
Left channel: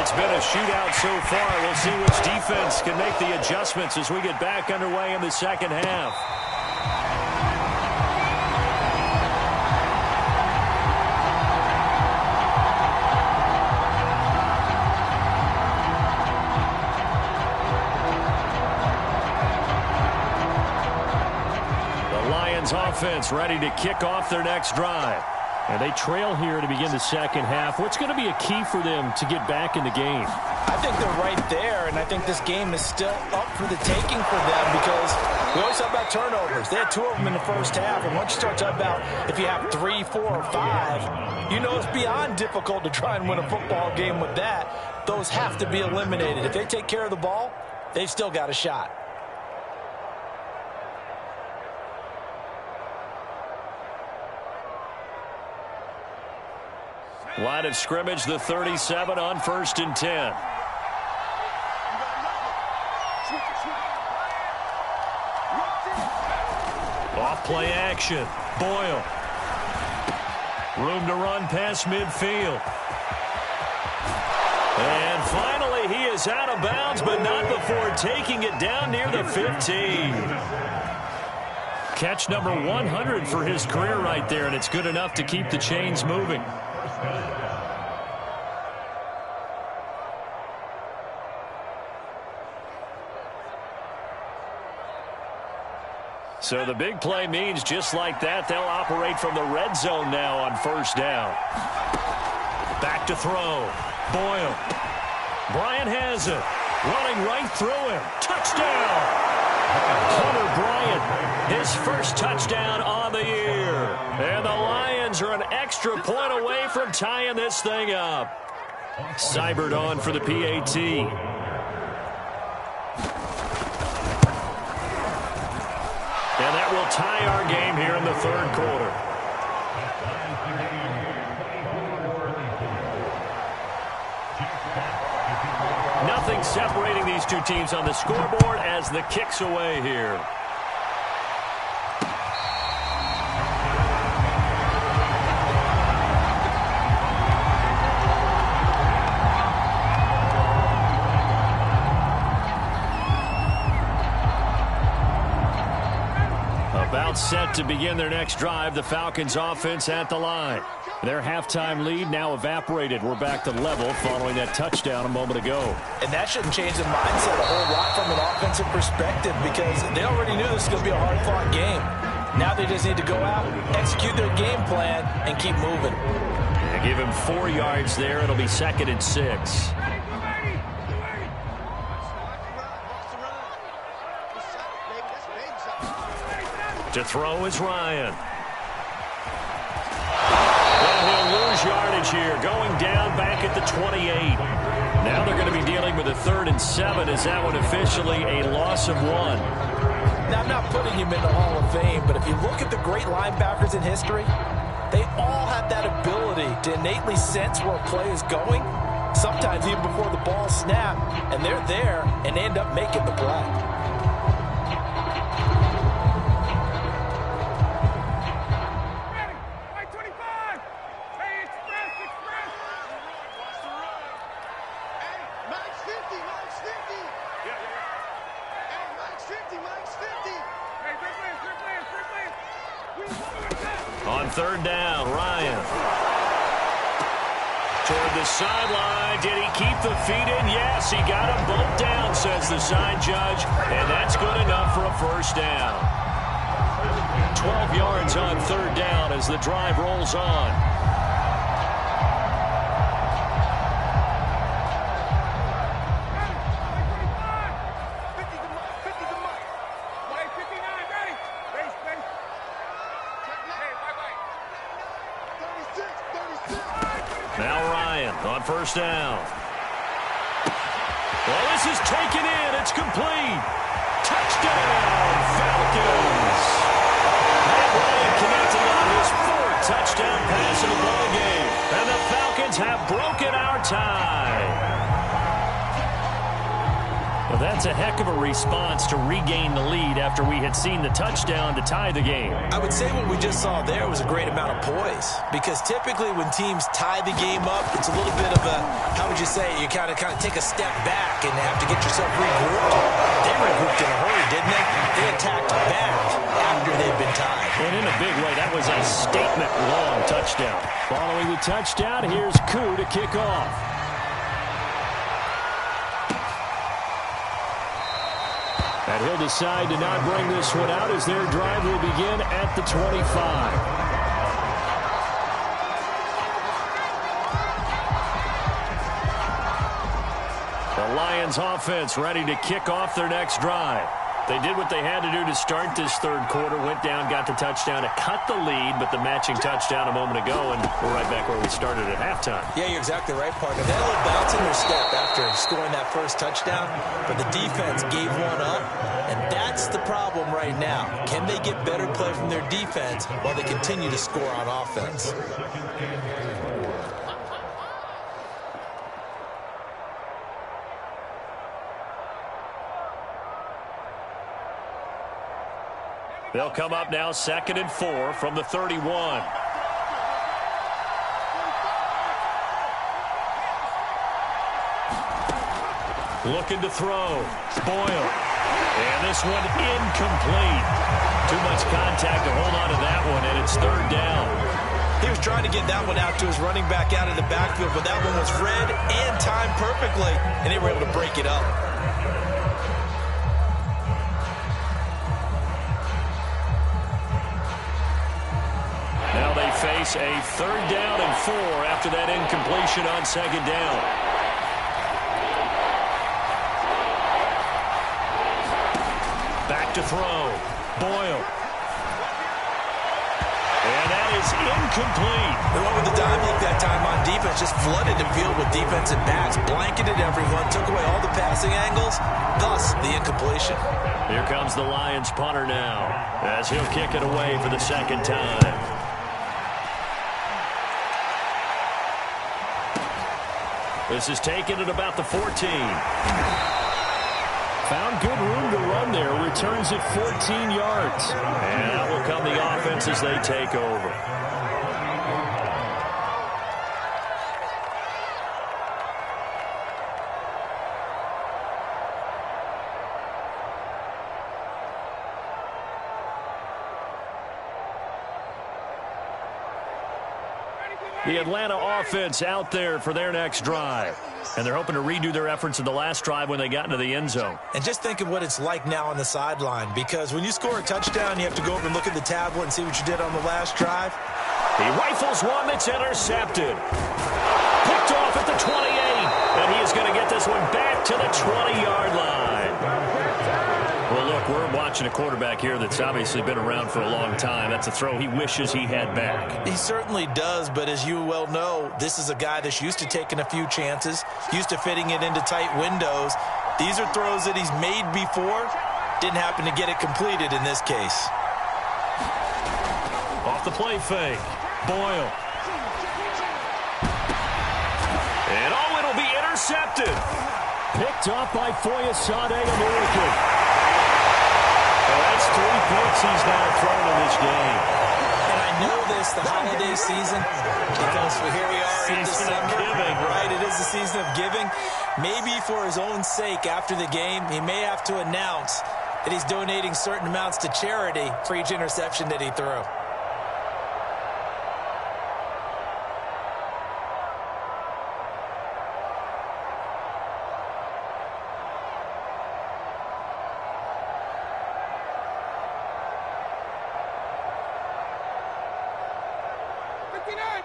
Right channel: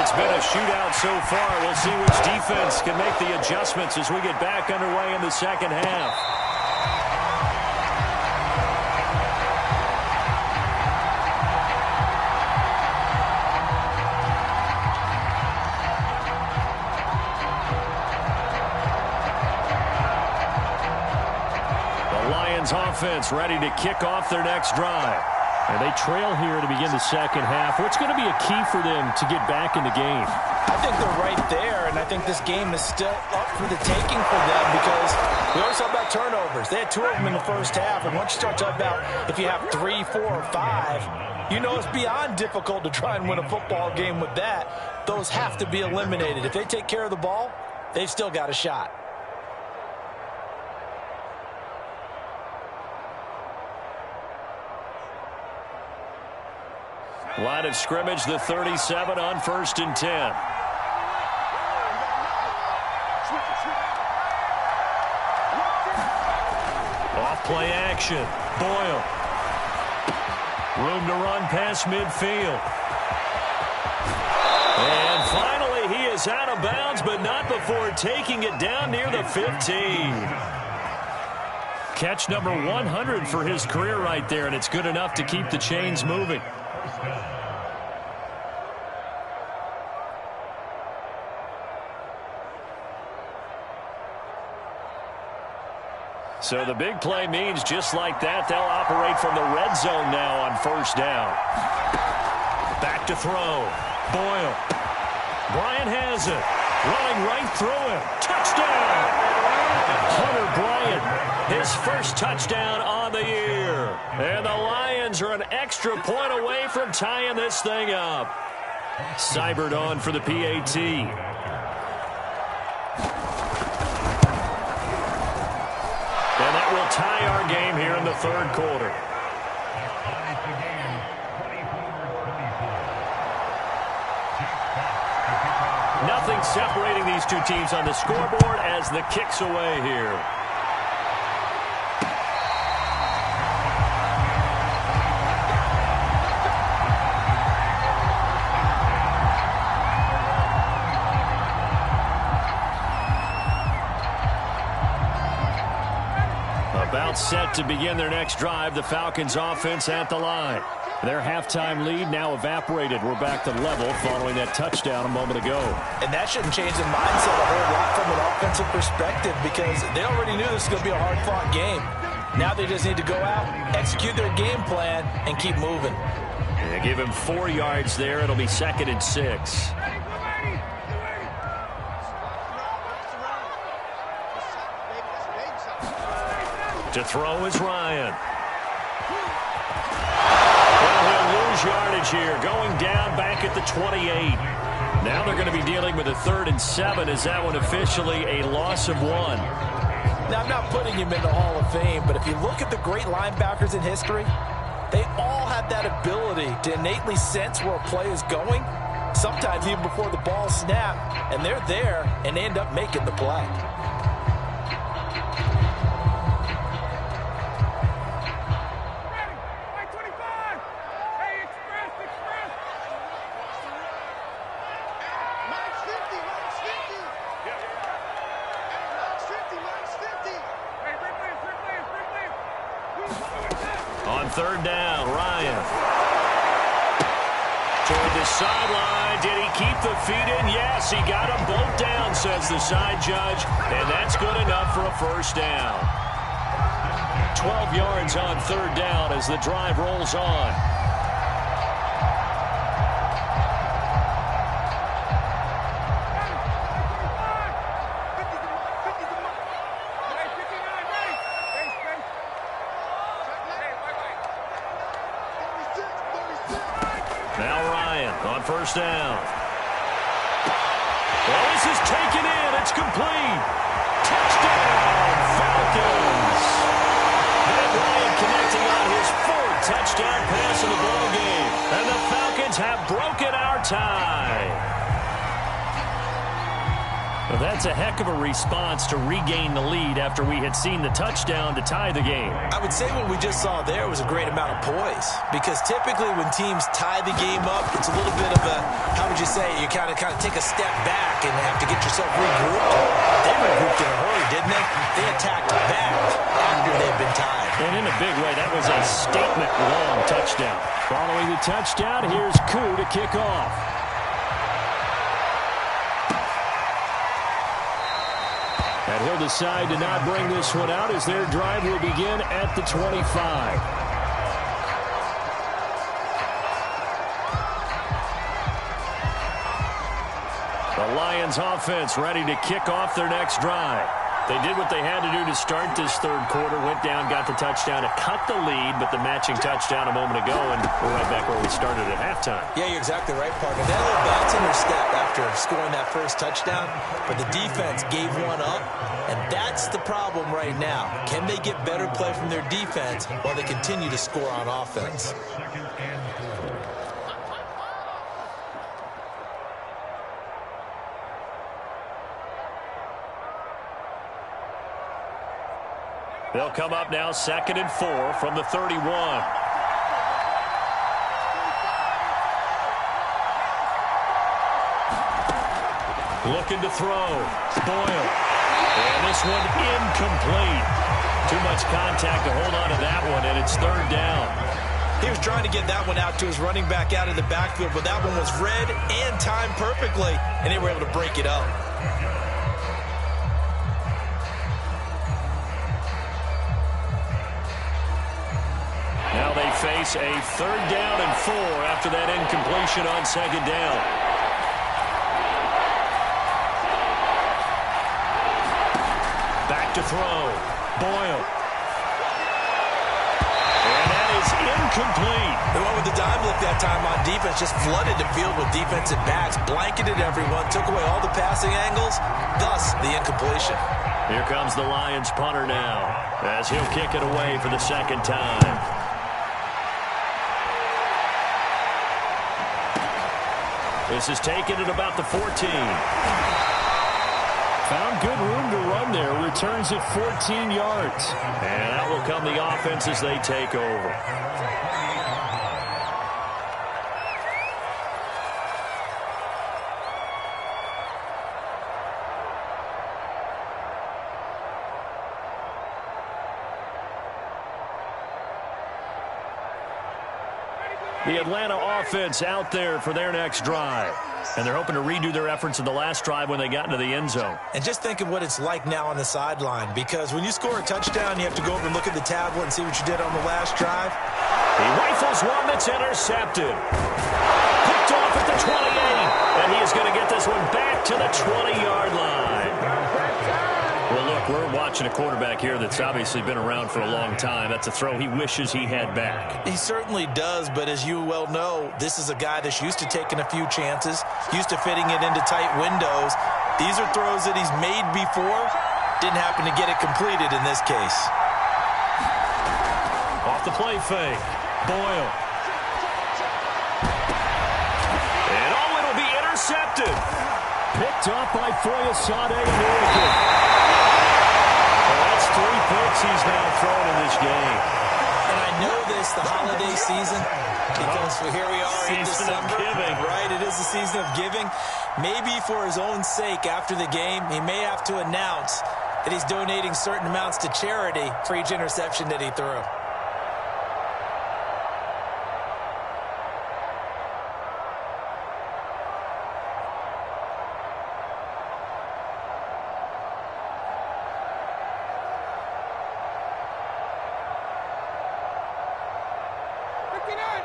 It's been a shootout so far. We'll see which defense can make the adjustments as we get back underway in the second half. Lions offense ready to kick off their next drive. And they trail here to begin the second half. What's going to be a key for them to get back in the game? I think they're right there, and I think this game is still up for the taking for them because we always talk about turnovers. They had 2 of them in the first half, and once you start talking about if you have 3, 4, or 5, you know it's beyond difficult to try and win a football game with that. Those have to be eliminated. If they take care of the ball, they've still got a shot. Line of scrimmage, the 37 on 1st and 10. Off play action. Boyle. Room to run past midfield. And finally, he is out of bounds, but not before taking it down near the 15. Catch number 100 for his career right there, and it's good enough to keep the chains moving. So the big play means just like that, they'll operate from the red zone now on 1st down. Back to throw. Boyle. Bryant has it. Running right through him. Touchdown! Hunter Bryant, his first touchdown on the year. And the Lions are an extra point away from tying this thing up. Seibert on for the PAT. And that will tie our game here in the 3rd quarter. Nothing separating these two teams on the scoreboard as the kick's away here. About set to begin their next drive, the Falcons offense at the line. Their halftime lead now evaporated. We're back to level following that touchdown a moment ago. And that shouldn't change the mindset a whole lot from an offensive perspective because they already knew this was going to be a hard-fought game. Now they just need to go out, execute their game plan, and keep moving. Yeah, give him 4 yards there. It'll be 2nd and 6. To throw is Ryan. Well, he'll lose yardage here, going down back at the 28. Now they're going to be dealing with a 3rd and 7. Is that one officially a loss of 1? Now, I'm not putting him in the Hall of Fame, but if you look at the great linebackers in history, they all have that ability to innately sense where a play is going, sometimes even before the ball snapped, and they're there and they end up making the play. On 3rd down, Ryan. Toward the sideline. Did he keep the feet in? Yes, he got them both down, says the side judge. And that's good enough for a 1st down. 12 yards on 3rd down as the drive rolls on. Now Ryan on 1st down. Well, this is taken in. It's complete. Touchdown, Falcons. Matt Ryan connecting on his 4th touchdown pass in the ball game. And the Falcons have broken our tie. Well, that's a heck of a response to regain the lead after we had seen the touchdown to tie the game. I would say what we just saw there was a great amount of poise because typically when teams tie the game up, it's a little bit of a, how would you say, you kind of take a step back and have to get yourself regrouped. They regrouped in a hurry, didn't they? They attacked back after they'd been tied. And in a big way, that was a statement-long touchdown. Following the touchdown, here's Koo to kick off. And he'll decide to not bring this one out as their drive will begin at the 25. The Lions offense ready to kick off their next drive. They did what they had to do to start this third quarter, went down, got the touchdown to cut the lead, but the matching touchdown a moment ago, and we're right back where we started at halftime. Yeah, you're exactly right, partner. They had a little bounce in their step after scoring that first touchdown, but the defense gave one up, and that's the problem right now. Can they get better play from their defense while they continue to score on offense? They'll come up now 2nd and 4 from the 31. Looking to throw. Boyle. And this one incomplete. Too much contact to hold on to that one, and it's 3rd down. He was trying to get that one out to his running back out of the backfield, but that one was read and timed perfectly, and they were able to break it up. Now they face a 3rd down and 4 after that incompletion on 2nd down. Back to throw. Boyle. And that is incomplete. They went with the dime look that time on defense, just flooded the field with defensive backs, blanketed everyone, took away all the passing angles, thus the incompletion. Here comes the Lions punter now, as he'll kick it away for the 2nd time. This is taken at about the 14. Found good room to run there. Returns at 14 yards. And out will come the offense as they take over. The Atlanta offense out there for their next drive. And they're hoping to redo their efforts in the last drive when they got into the end zone. And just think of what it's like now on the sideline, because when you score a touchdown, you have to go over and look at the tablet and see what you did on the last drive. He rifles one that's intercepted. Picked off at the 28. And he is going to get this one back to the 20-yard line. Well, look, we're watching a quarterback here that's obviously been around for a long time. That's a throw he wishes he had back. He certainly does, but as you well know, this is a guy that's used to taking a few chances, used to fitting it into tight windows. These are throws that he's made before. Didn't happen to get it completed in this case. Off the play fake. Boyle. And oh, it'll be intercepted. Picked off by Foyesade American. Well, that's 3 picks he's now thrown in this game. And I know this, the holiday season, because here we are in December. Season of giving. Right, it is the season of giving. Maybe for his own sake after the game, he may have to announce that he's donating certain amounts to charity for each interception that he threw.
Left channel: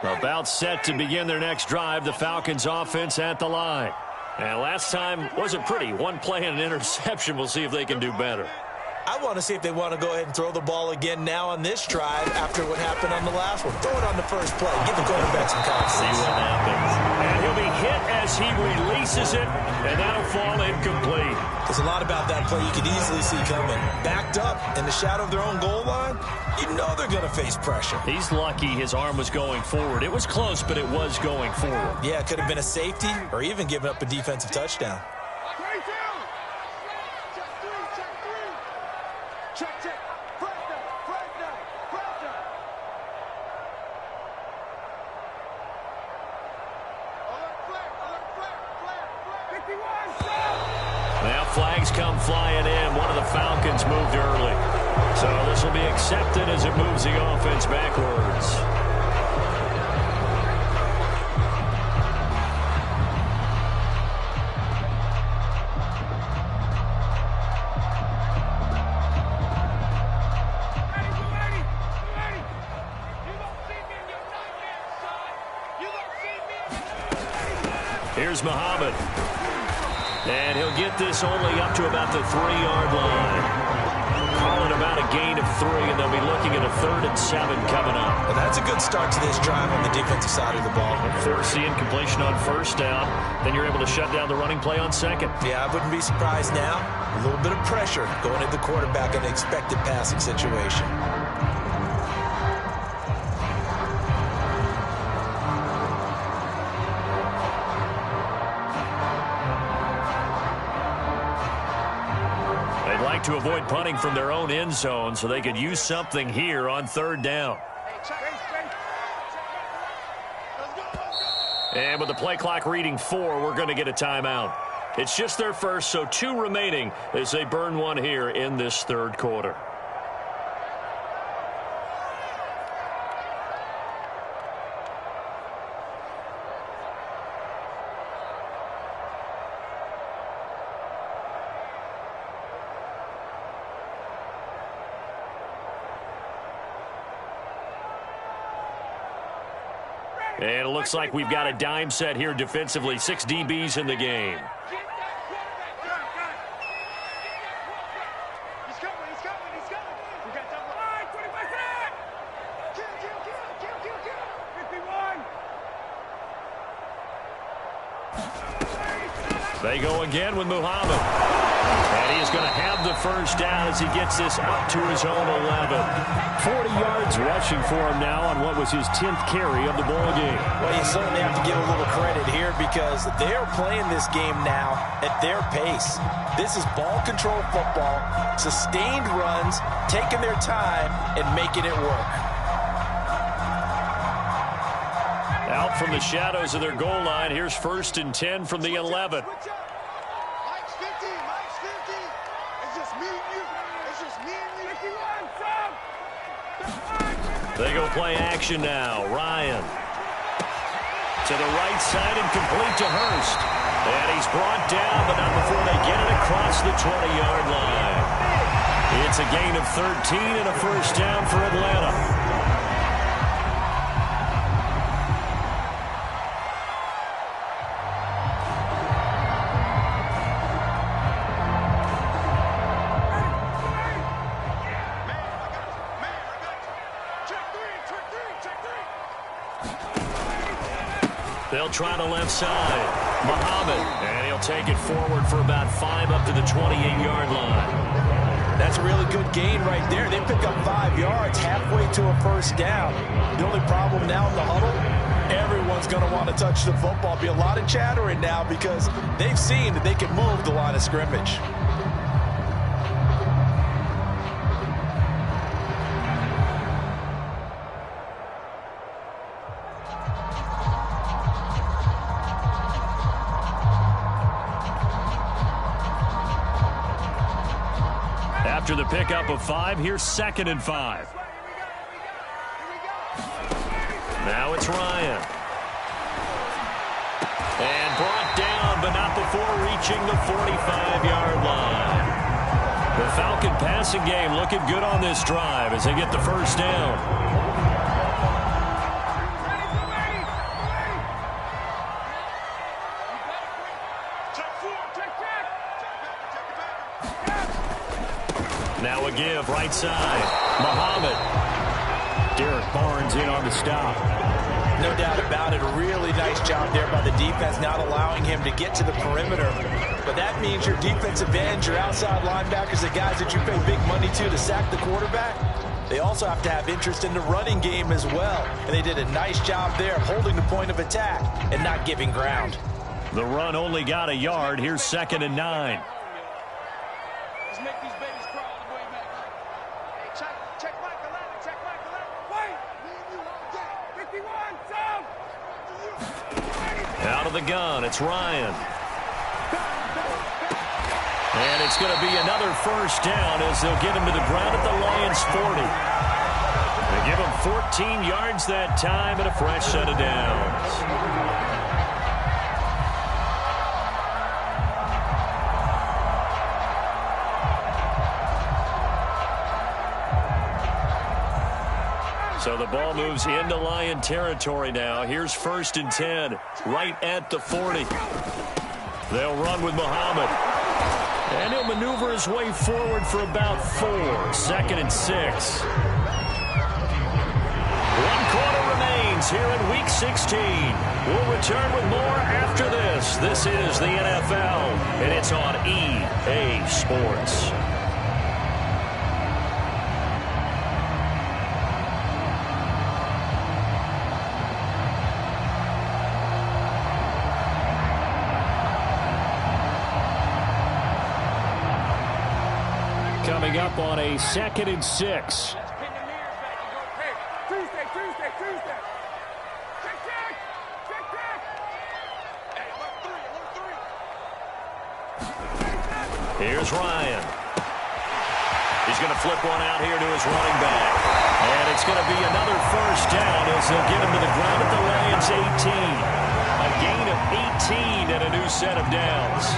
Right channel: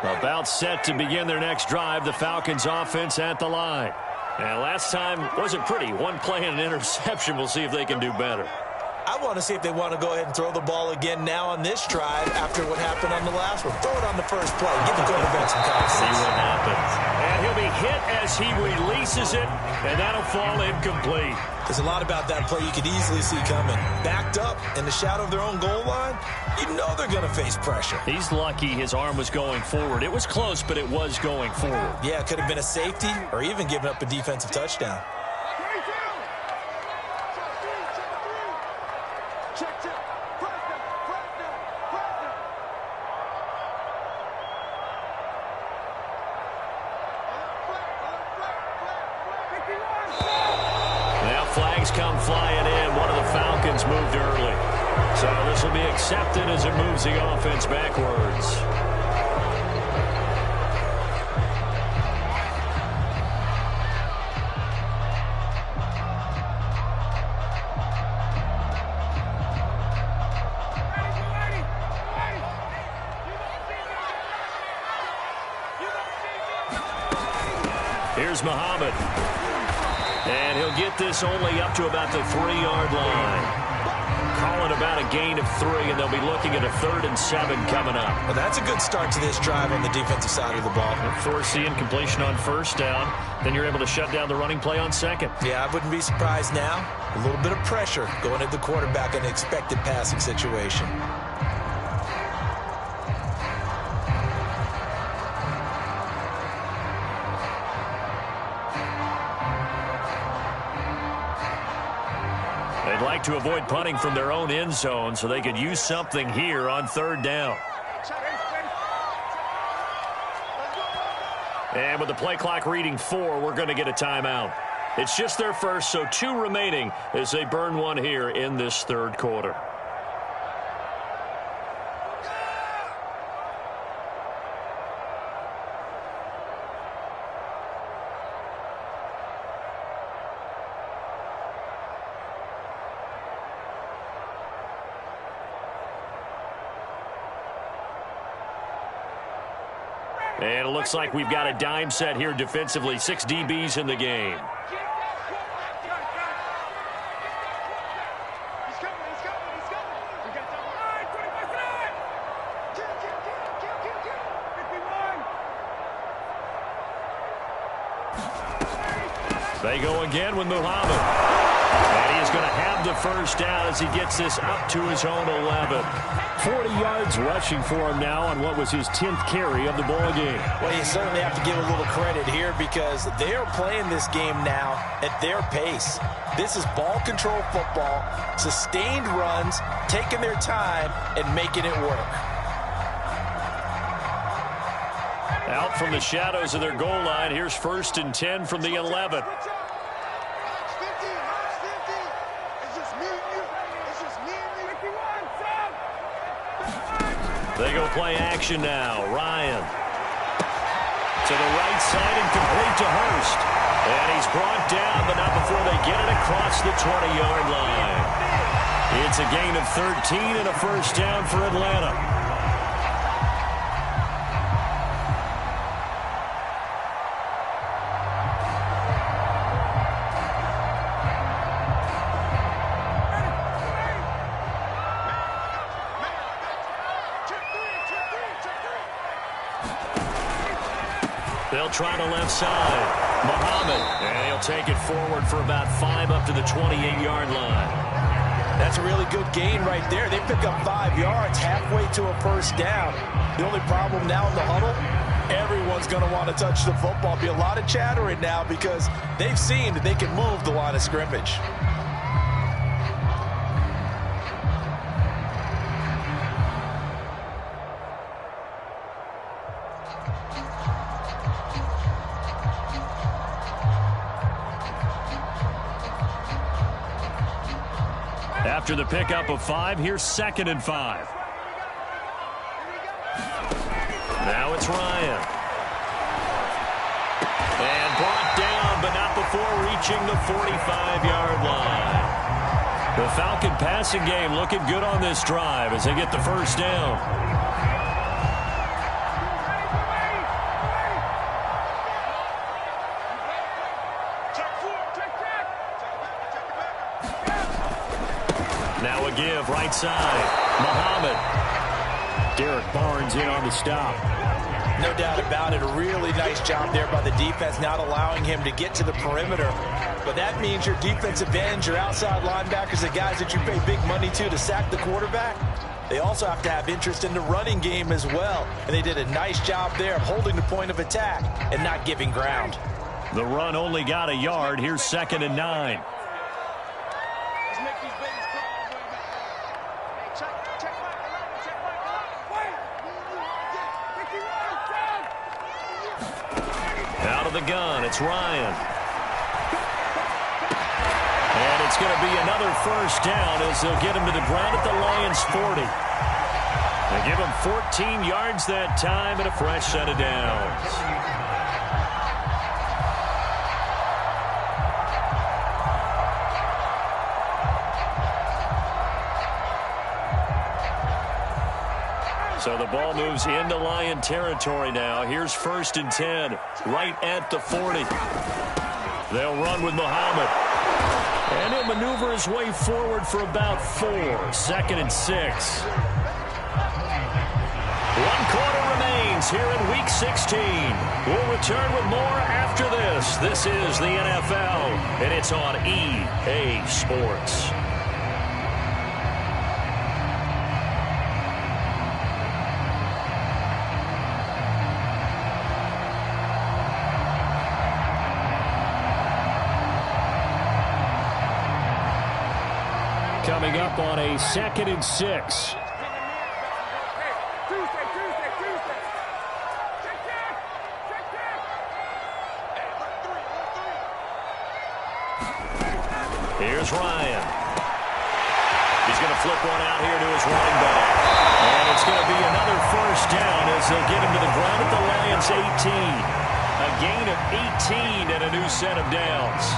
About set to begin their next drive, the Falcons offense at the line. And last time wasn't pretty. One play and an interception. We'll see if they can do better. I want to see if they want to go ahead and throw the ball again now on this drive after what happened on the last one. Throw it on the first play. Give the quarterback some confidence. See what happens. And he'll be hit as he releases it, and that'll fall incomplete. There's a lot about that play you could easily see coming. Backed up in the shadow of their own goal line, you know they're going to face pressure. He's lucky his arm was going forward. It was close, but it was going forward. Yeah, it could have been a safety or even given up a defensive touchdown. Check. Press down. Alert flag. Now flags come flying in. One of the Falcons moved early. So this will be accepted as it moves the offense backwards. Here's Muhammad. And he'll get this only up to about the 3-yard line. Calling about a gain of 3, and they'll be looking at a 3rd and 7 coming up. Well, that's a good start to this drive on the defensive side of the ball. Force the incompletion on 1st down. Then you're able to shut down the running play on 2nd. Yeah, I wouldn't be surprised now. A little bit of pressure going at the quarterback in an expected passing situation. They'd like to avoid punting from their own end zone so they could use something here on 3rd down. And with the play clock reading 4, we're going to get a timeout. It's just their first, so 2 remaining as they burn one here in this 3rd quarter. And it looks like we've got a dime set here defensively. 6 DBs in the game. They go again with Muhammad. And he is going to have the 1st down as he gets this up to his own 11. 40 yards rushing for him now on what was his 10th carry of the ball game. Well, you certainly have to give a little credit here because they are playing this game now at their pace. This is ball control football, sustained runs, taking their time, and making it work. Out from the shadows of their goal line, here's 1st and 10 from the 11. They go play action now. Ryan. To the right side and complete to Hurst. And he's brought down, but not before they get it across the 20-yard line. It's a gain of 13 and a 1st down for Atlanta. They'll try to left side. Muhammad. And he'll take it forward for about 5 up to the 28-yard line. That's a really good gain right there. They pick up 5 yards halfway to a 1st down. The only problem now in the huddle, everyone's going to want to touch the football. Be a lot of chattering now because they've seen that they can move the line of scrimmage. After the pickup of 5, here's 2nd and 5. Now it's Ryan. And brought down, but not before reaching the 45-yard line. The Falcon passing game looking good on this drive as they get the 1st down. Now a give, right side. Muhammad. Derek Barnes in on the stop. No doubt about it. A really nice job there by the defense, not allowing him to get to the perimeter. But that means your defensive ends, your outside linebackers, the guys that you pay big money to sack the quarterback, they also have to have interest in the running game as well. And they did a nice job there of holding the point of attack and not giving ground. The run only got a yard. Here's 2nd and 9. Let's make these babies crawl all the way back home. Hey, check back 11, check back 11. Wait! Me and you all day. 51, down! Out of the gun, it's Ryan. And it's going to be another 1st down as they'll get him to the ground at the Lions' 40. They give him 14 yards that time and a fresh set of downs. So the ball moves into Lion territory now. Here's 1st and 10, right at the 40. They'll run with Muhammad. And he'll maneuver his way forward for about 4. 2nd and 6. 1 quarter remains here in Week 16. We'll return with more after this. This is the NFL, and it's on EA Sports. Coming up on a 2nd and 6. Here's Ryan. He's going to flip one out here to his running back. And it's going to be another 1st down as they'll get him to the ground at the Lions' 18. A gain of 18 and a new set of downs.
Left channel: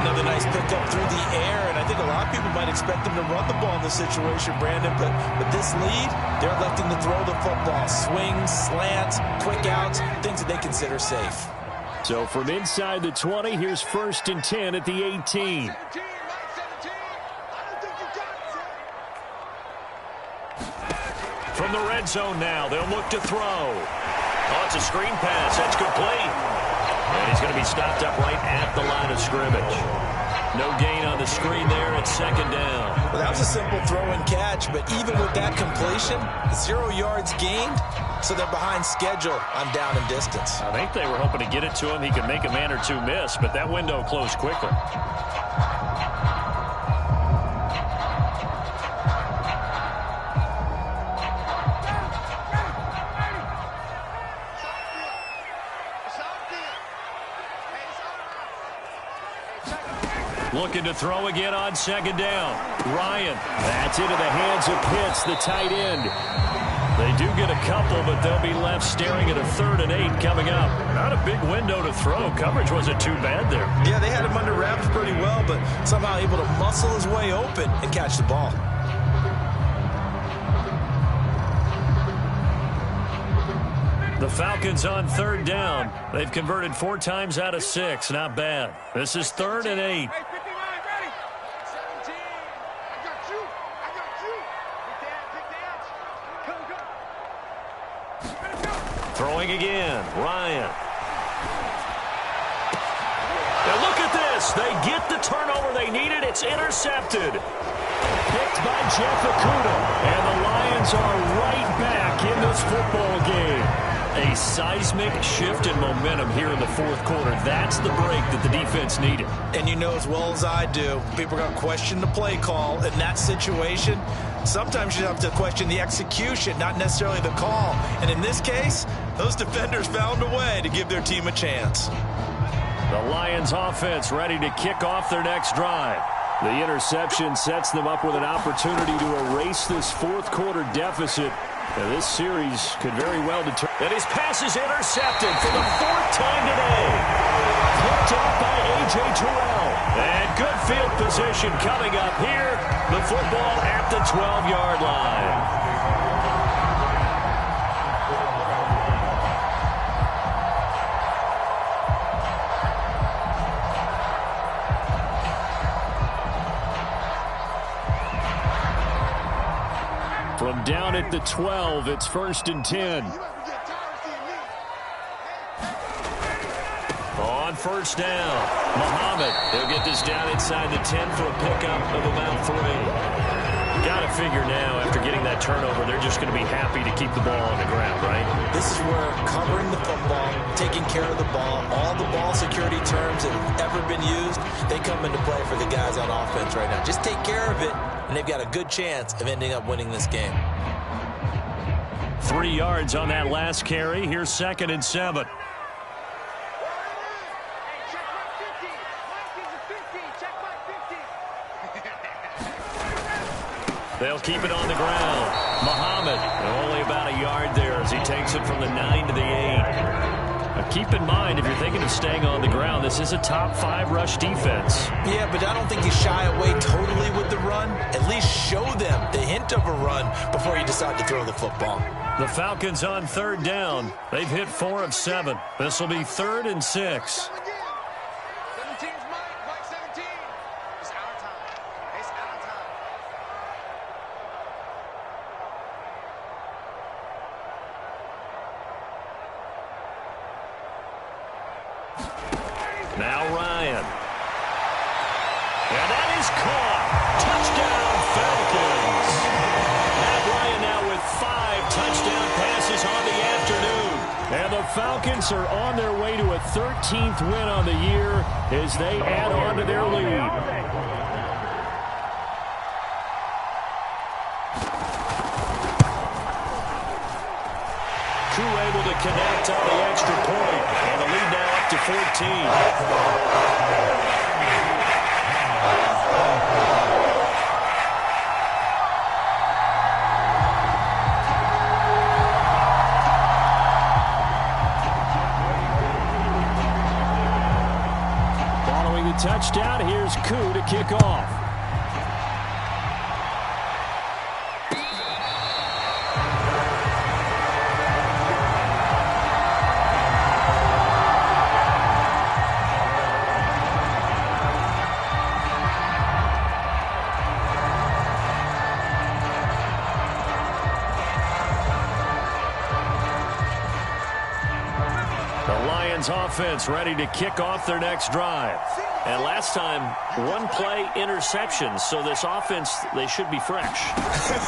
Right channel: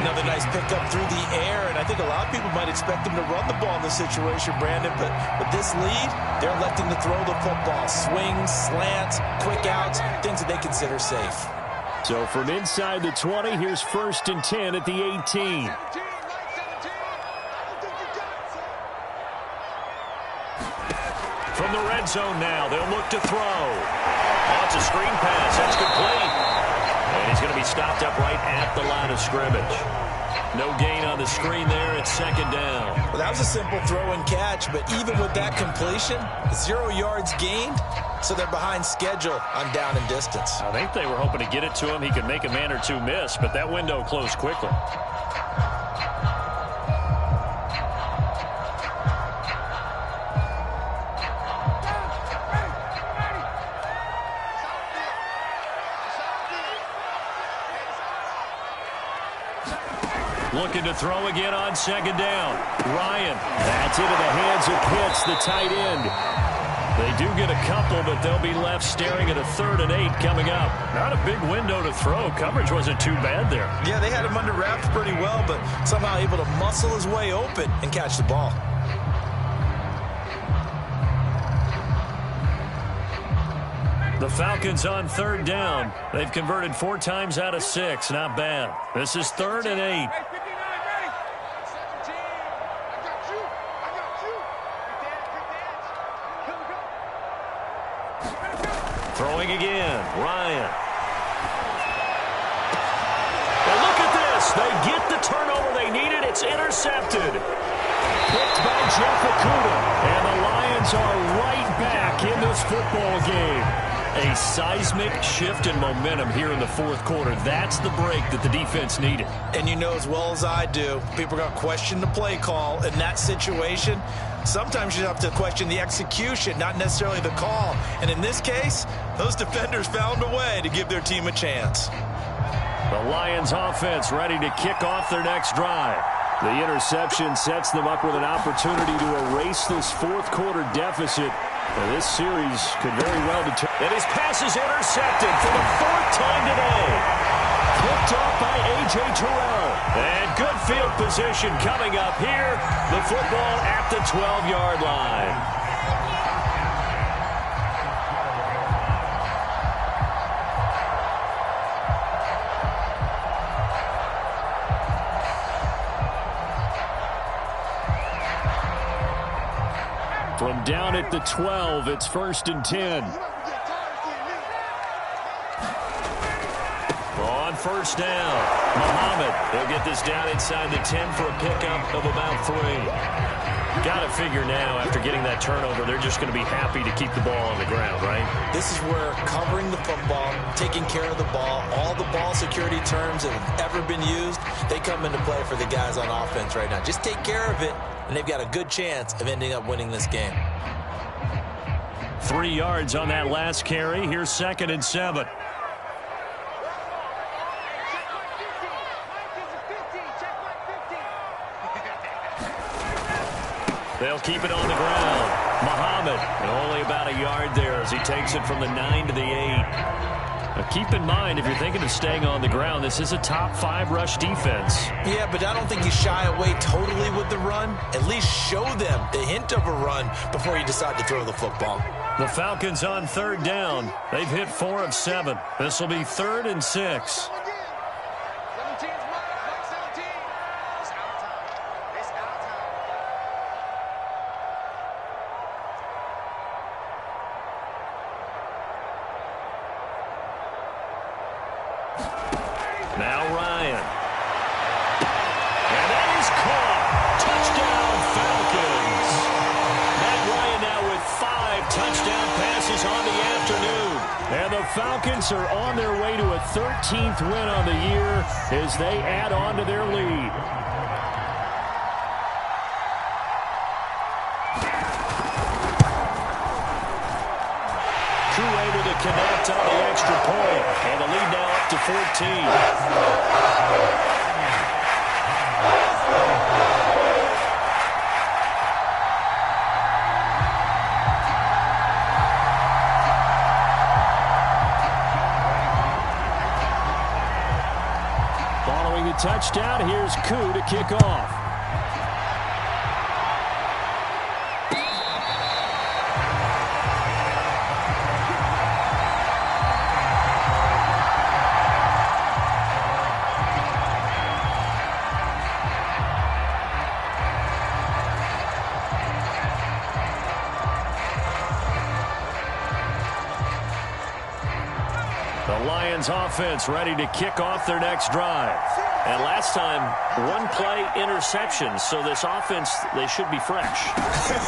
Another nice pickup through the air, and I think a lot of people might expect them to run the ball in this situation, Brandon, but with this lead, they're electing to throw the football. Swings, slants, quick outs, things that they consider safe. So from inside the 20, here's 1st and 10 at the 18. From the red zone now, they'll look to throw. Oh, it's a screen pass. That's complete. And he's going to be stopped up right at the line of scrimmage. No gain on the screen there. It's 2nd down. Well, that was a simple throw and catch, but even with that completion, 0 yards gained, so they're behind schedule on down and distance. I think they were hoping to get it to him. He could make a man or two miss, but that window closed quickly. Looking to throw again on 2nd down. Ryan. That's into the hands of Pitts, the tight end. They do get a couple, but they'll be left staring at a 3rd and 8 coming up. Not a big window to throw. Coverage wasn't too bad there. Yeah, they had him under wraps pretty well, but somehow able to muscle his way open and catch the ball. The Falcons on 3rd down. They've converted 4 times out of 6. Not bad. This is 3rd and 8. Throwing again. Ryan. And look at this. They get the turnover they needed. It's intercepted. Picked by Jeff Okudah. And the Lions are right back in this football game. A seismic shift in momentum here in the 4th quarter. That's the break that the defense needed. And you know as well as I do, people are going to question the play call in that situation. Sometimes you have to question the execution, not necessarily the call. And in this case, those defenders found a way to give their team a chance. The Lions offense ready to kick off their next drive. The interception sets them up with an opportunity to erase this 4th quarter deficit. Now, this series could very well determine. And his pass is intercepted for the 4th time today. Picked off by A.J. Terrell. And good field position coming up here. The football at the 12-yard line. From down at the 12, it's 1st and 10. On 1st down, Muhammad. He'll get this down inside the 10 for a pickup of about 3. Got to figure now, after getting that turnover, they're just going to be happy to keep the ball on the ground, right? This is where covering the football, taking care of the ball, all the ball security terms that have ever been used, they come into play for the guys on offense right now. Just take care of it, and they've got a good chance of ending up winning this game. 3 yards on that last carry. Here's 2nd and 7. They'll keep it on the ground. Muhammad, only about a yard there as he takes it from the 9 to the 8. Now keep in mind, if you're thinking of staying on the ground, this is a top 5 rush defense. Yeah, but I don't think you shy away totally with the run. At least show them the hint of a run before you decide to throw the football. The Falcons on 3rd down. They've hit 4 of 7. This will be 3rd and 6. 17's Mike 17. It's our time. It's our time. Now Ryan. And that is caught. Touchdown, Falcons. Matt Ryan now with 5 touchdown passes on the afternoon. And the Falcons are on their way to a 13th win on the year as they add on to their lead. Koo able to connect on the extra point. And the lead now up to 14. Following the touchdown, here's Koo to kick off. The Lions offense ready to kick off their next drive. And last time, 1-play interception. So this offense, they should be fresh.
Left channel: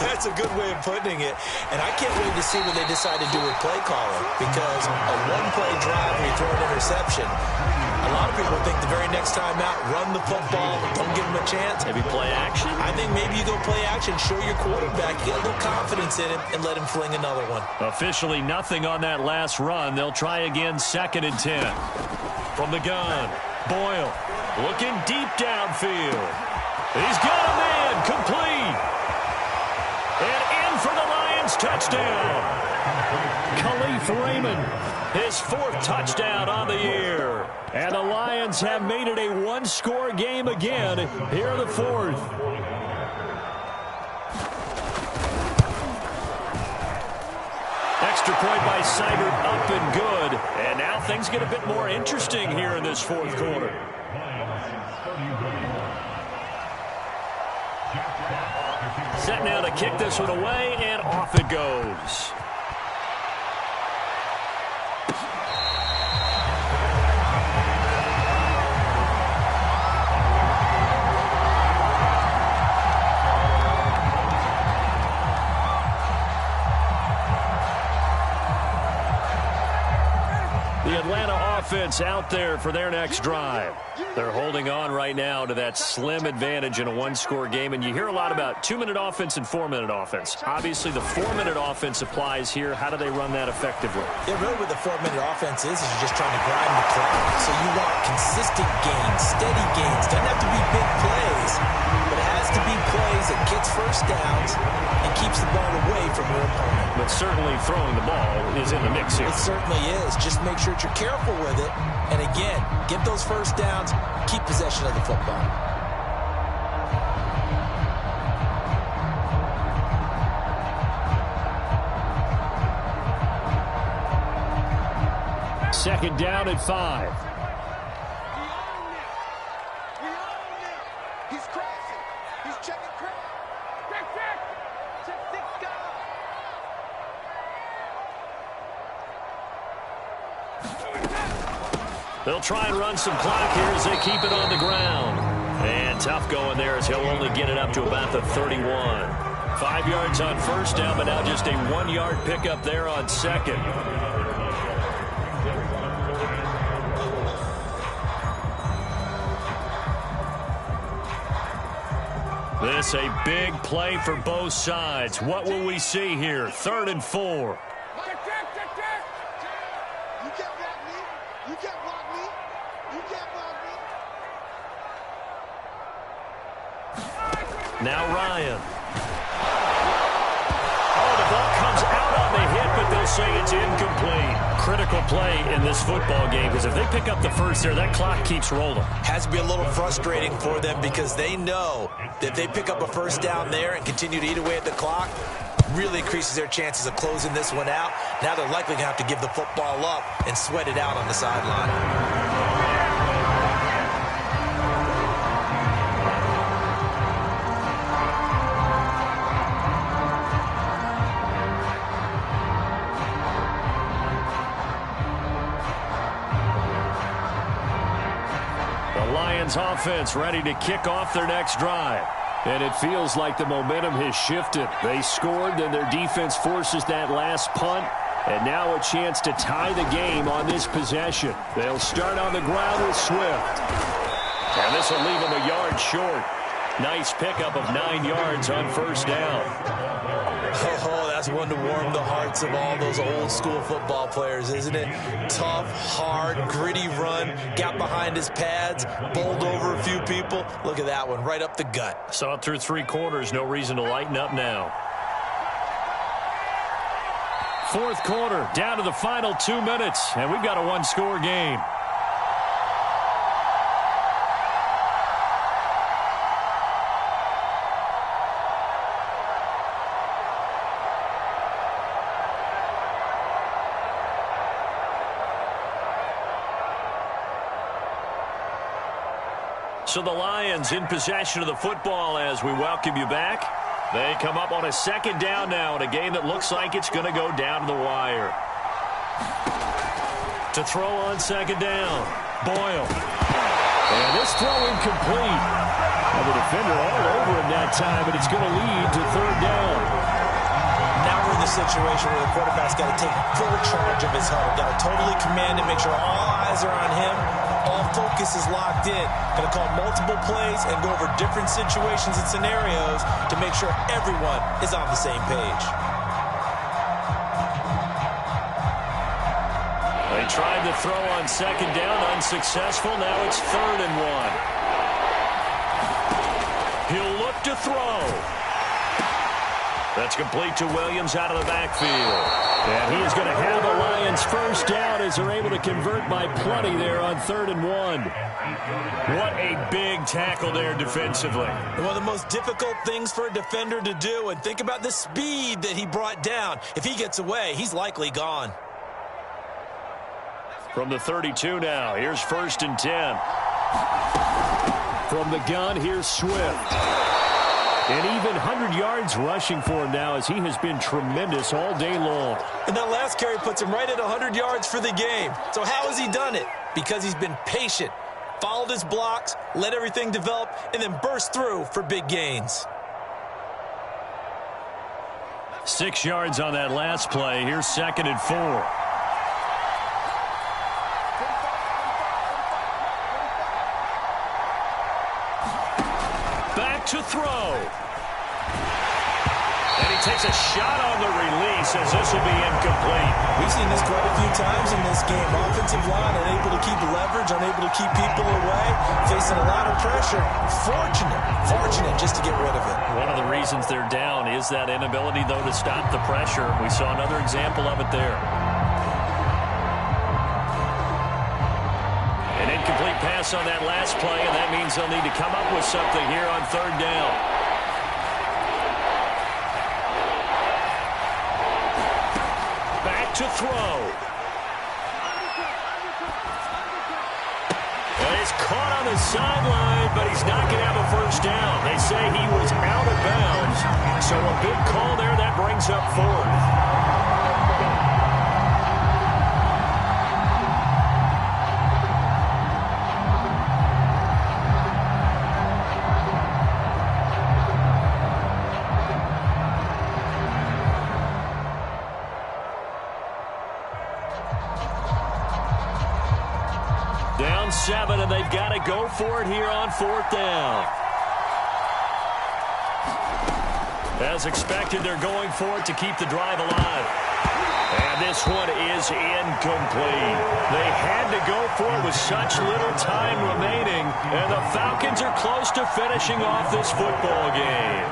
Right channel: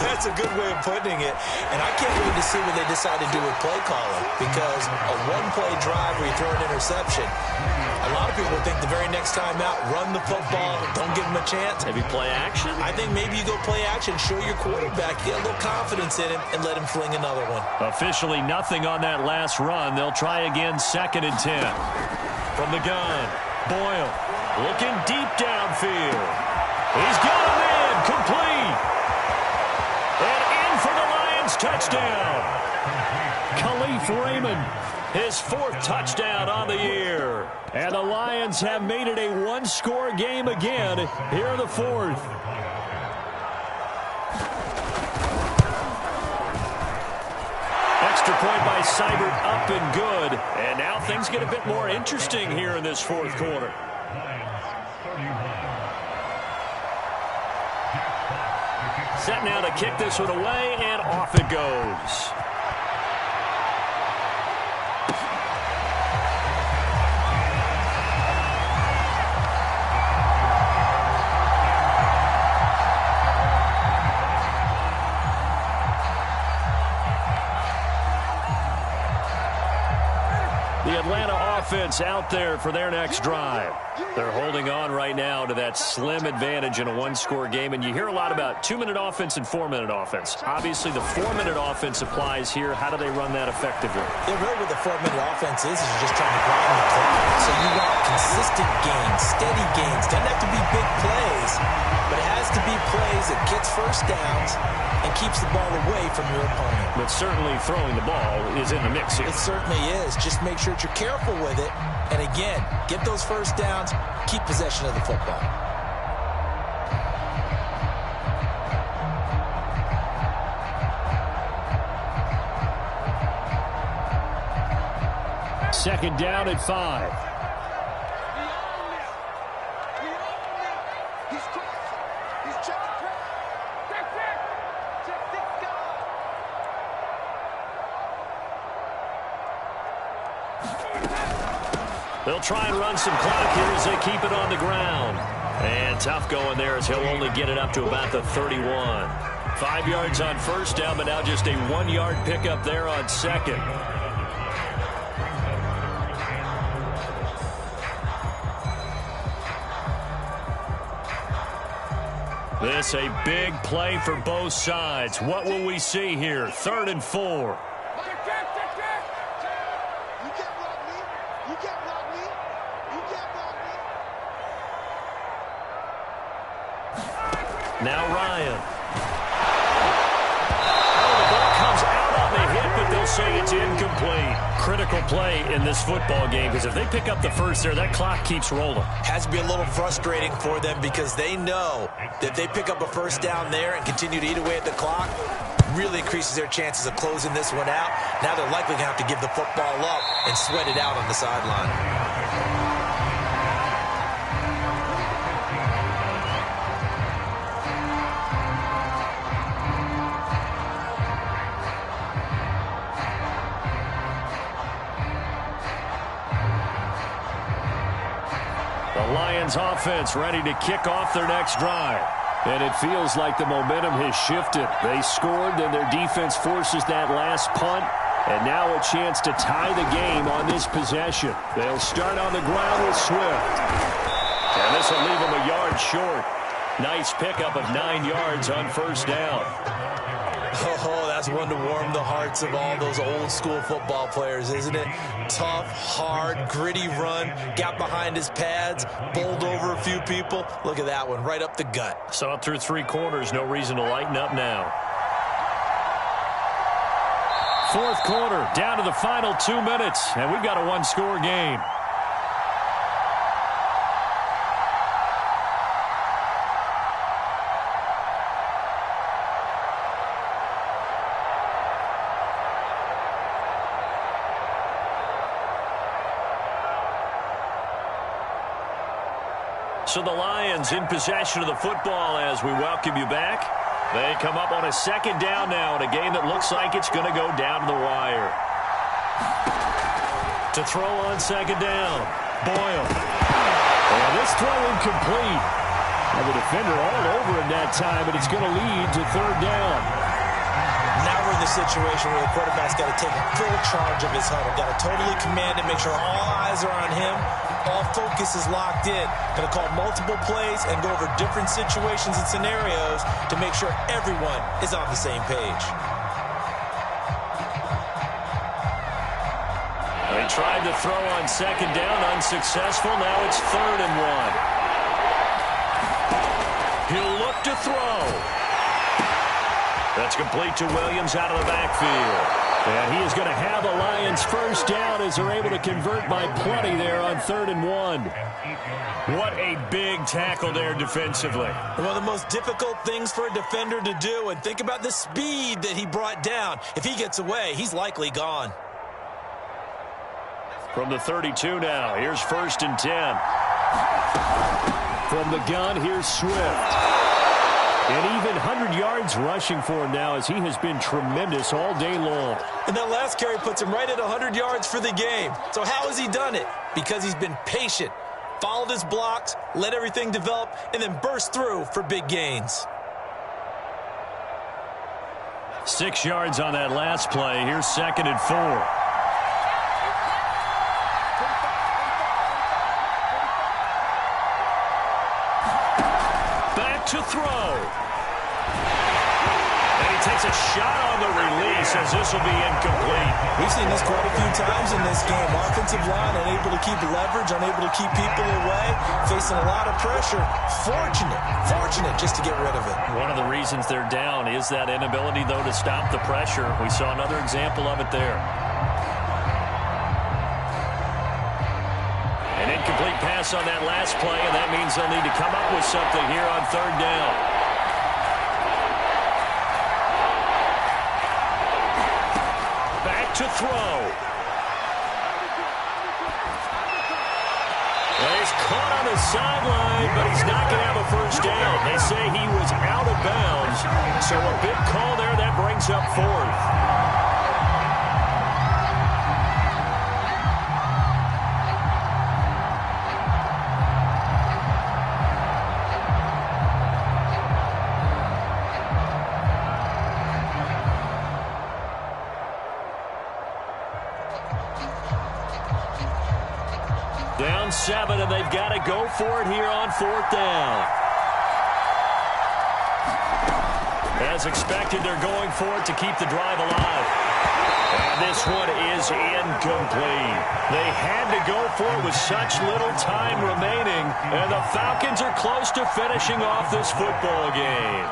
That's a good way of putting it. And I can't wait to see what they decide to do with play calling. Because a 1-play drive where you throw an interception, a lot of people think the very next time out, run the football, don't give them a chance. Maybe play action? I think maybe you go play action, show your quarterback, get a little confidence in him, and let him fling another one. Officially nothing on that last run. They'll try again 2nd and 10. From the gun, Boyle looking deep downfield. He's got a man, complete. And in for the Lions touchdown. Khalif Raymond, His 4th touchdown on the year. and the Lions have made it a 1-score game again here in the 4th. Extra point by Seibert, up and good. And now things get a bit more interesting here in this 4th quarter. Set now to kick this one away, and off it goes. The Atlanta offense out there for their next drive. They're holding on right now to that slim advantage in a 1-score game. And you hear a lot about 2-minute offense and 4-minute offense. Obviously, the 4-minute offense applies here. How do they run that effectively? Yeah, really what the 4-minute offense is you're just trying to grind the clock. So you want consistent gains, steady gains. Doesn't have to be big plays, but it has to be plays that gets first downs and keeps the ball away from your opponent. But certainly throwing the ball is in the mix here. It certainly is. Just make sure that you're careful with it. And again, get those first downs, keep possession of the football. Second down at 5. We own him. We own him. He's crossing. He's checking crowd. Check, check. Check 6 guard. They'll try and run some clock here as they keep it on the ground. And tough going there as he'll only get it up to about the 31. 5 yards on first down, but now just a 1-yard pickup there on second. This a big play for both sides. What will we see here? 3rd and 4. Check, check, check, check. You can't block me. You can't block me. You can't block me. Now Ryan. Oh, the ball comes out on the hit, but they'll will say it's incomplete. Critical play in this football game, because if they pick up the first there, that clock keeps rolling. Has to be a little frustrating for them because they know that if they pick up a first down there and continue to eat away at the clock, really increases their chances of closing this one out. Now they're likely going to have to give the football up and sweat it out on the sideline. The Lions offense ready to kick off their next drive. And it feels like the momentum has shifted. They scored, then their defense forces that last punt. And now a chance to tie the game on this possession. They'll start on the ground with Swift. And this will leave them a yard short. Nice pickup of 9 yards on first down. Oh, that's one to warm the hearts of all those old school football players, isn't it? Tough, hard, gritty run. Got behind his pads, bowled over a few people. Look at that one, right up the gut. Saw it through 3 quarters. No reason to lighten up now. Fourth quarter, down to the final 2 minutes, and we've got a one-score game. So the Lions in possession of the football as we welcome you back. They come up on a second down now in a game that looks like it's going to go down to the wire. To throw on second down, Boyle. And this throw incomplete. Well, the defender all over him that time, but it's going to lead to third down. Now we're in the situation where the quarterback's got to take full charge of his huddle. Got to totally command it, make sure all eyes are on him. All focus is locked in. Going to call multiple plays and go over different situations and scenarios to make sure everyone is on the same page. They tried to throw on second down, unsuccessful. Now it's 3rd and 1. He'll look to throw. That's complete to Williams out of the backfield. And he is going to have a Lions first down as they're able to convert by plenty there on 3rd and 1. What a big tackle there defensively. One of the most difficult things for a defender to do, and think about the speed that he brought down. If he gets away, he's likely gone. From the 32 now, here's 1st and 10. From the gun, here's Swift. And even 100 yards rushing for him now as he has been tremendous all day long. And that last carry puts him right at 100 yards for the game. So how has he done it? Because he's been patient, followed his blocks, let everything develop, and then burst through for big gains. 6 yards on that last play. Here's 2nd and 4. To throw. And he takes a shot on the release as this will be incomplete. We've seen this quite a few times in this game. Offensive line unable to keep leverage, unable to keep people away, facing a lot of pressure. Fortunate just to get rid of it. One of the reasons they're down is that inability, though, to stop the pressure. We saw another example of it there. An incomplete pass on that last play, and that means they'll need to come up with something here on 3rd down. Back to throw. And he's caught on the sideline, but he's not going to have a first down. They say he was out of bounds, so a big call there that brings up 4th. Down 7, and they've got to go for it here on 4th down. As expected, they're going for it to keep the drive alive. And this one is incomplete. They had to go for it with such little time remaining, and the Falcons are close to finishing off this football game.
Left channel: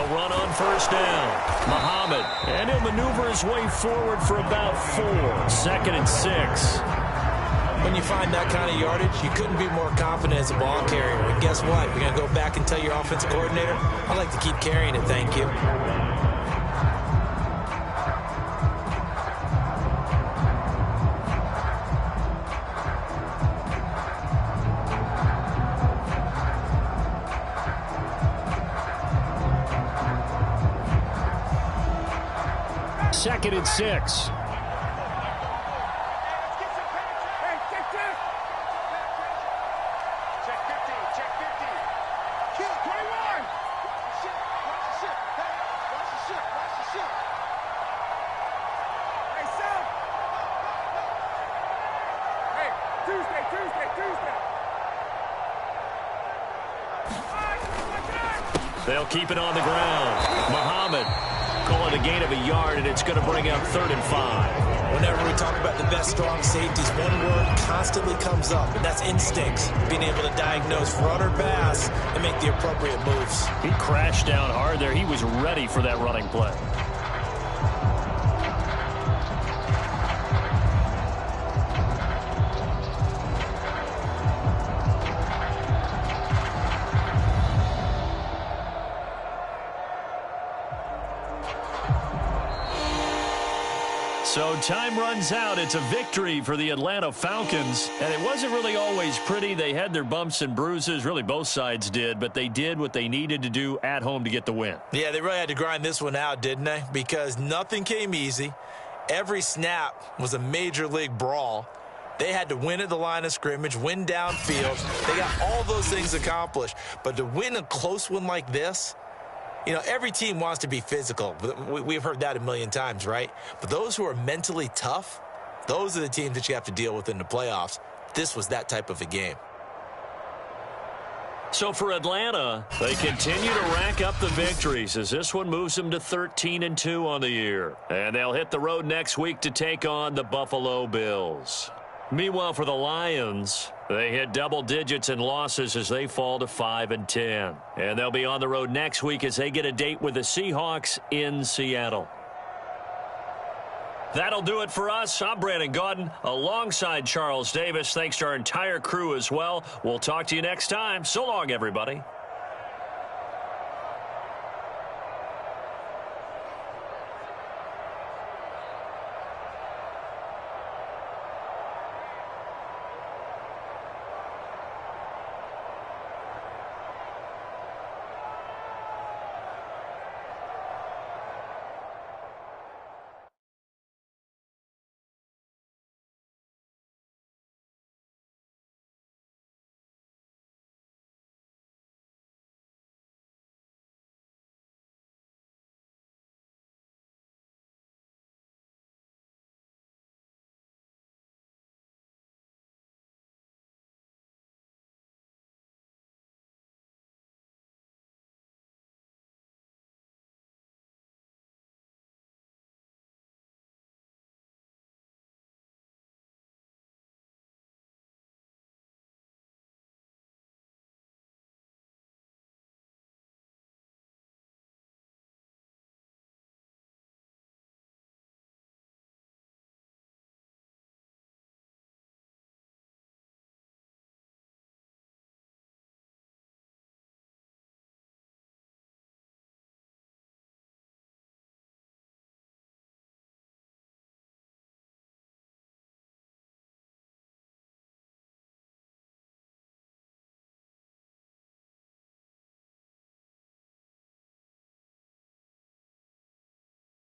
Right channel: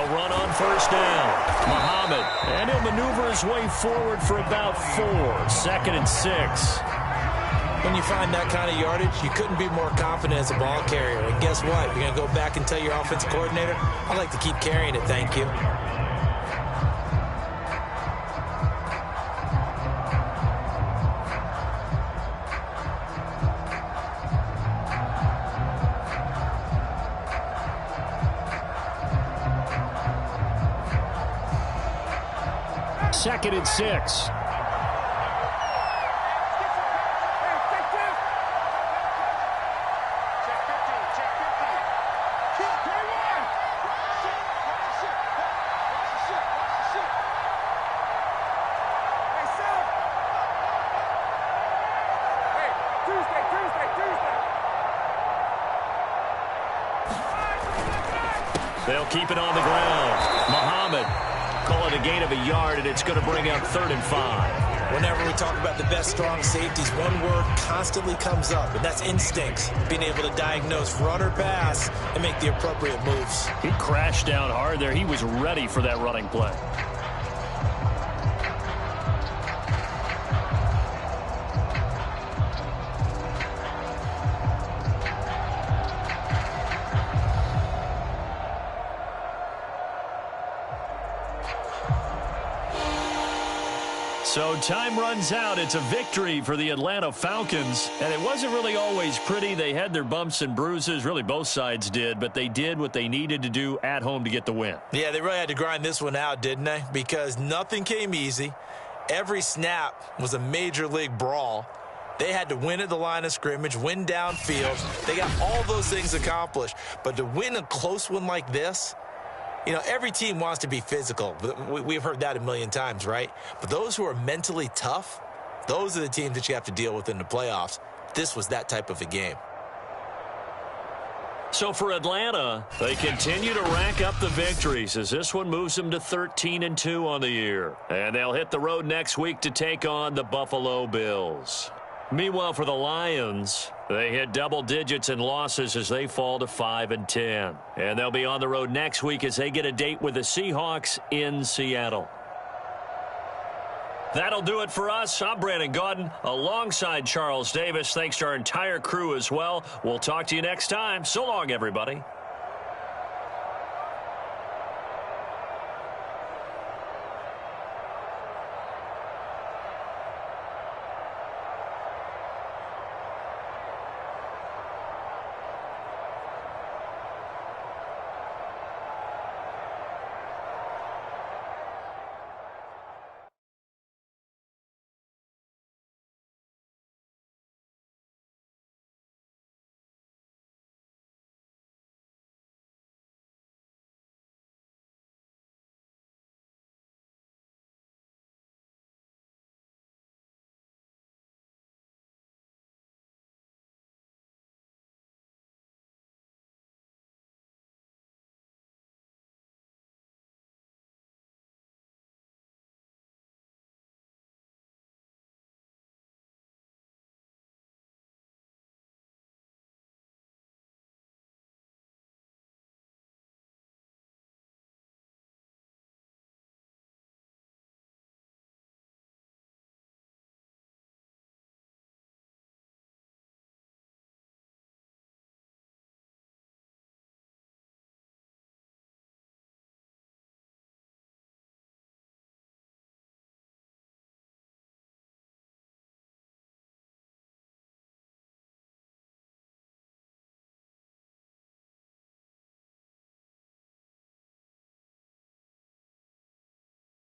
They'll run on first down. Muhammad. And he'll maneuver his way forward for about 4. 2nd and 6. When you find that kind of yardage, you couldn't be more confident as a ball carrier. And guess what? You're going to go back and tell your offensive coordinator, I'd like to keep carrying it, thank you. Second and 6. They'll keep it on the ground. Muhammad. Call it a gain of a yard, and it's going to bring up 3rd and 5. Whenever we talk about the best strong safeties, one word constantly comes up, and that's instincts. Being able to diagnose run or pass and make the appropriate moves. He crashed down hard there. He was ready for that running play. So time runs out. It's a victory for the Atlanta Falcons. And it wasn't really always pretty. They had their bumps and bruises. Really, both sides did. But they did what they needed to do at home to get the win. Yeah, they really had to grind this one out, didn't they? Because nothing came easy. Every snap was a major league brawl. They had to win at the line of scrimmage, win downfield. They got all those things accomplished. But to win a close one like this, you know, every team wants to be physical. We've heard that a million times, right? But those who are mentally tough, those are the teams that you have to deal with in the playoffs. This was that type of a game. So for Atlanta, they continue to rack up the victories as this one moves them to 13-2 on the year. And they'll hit the road next week to take on the Buffalo Bills. Meanwhile, for the Lions, they hit double digits in losses as they fall to 5-10. And they'll be on the road next week as they get a date with the Seahawks in Seattle. That'll do it for us. I'm Brandon Gaudin alongside Charles Davis. Thanks to our entire crew as well. We'll talk to you next time. So long, everybody.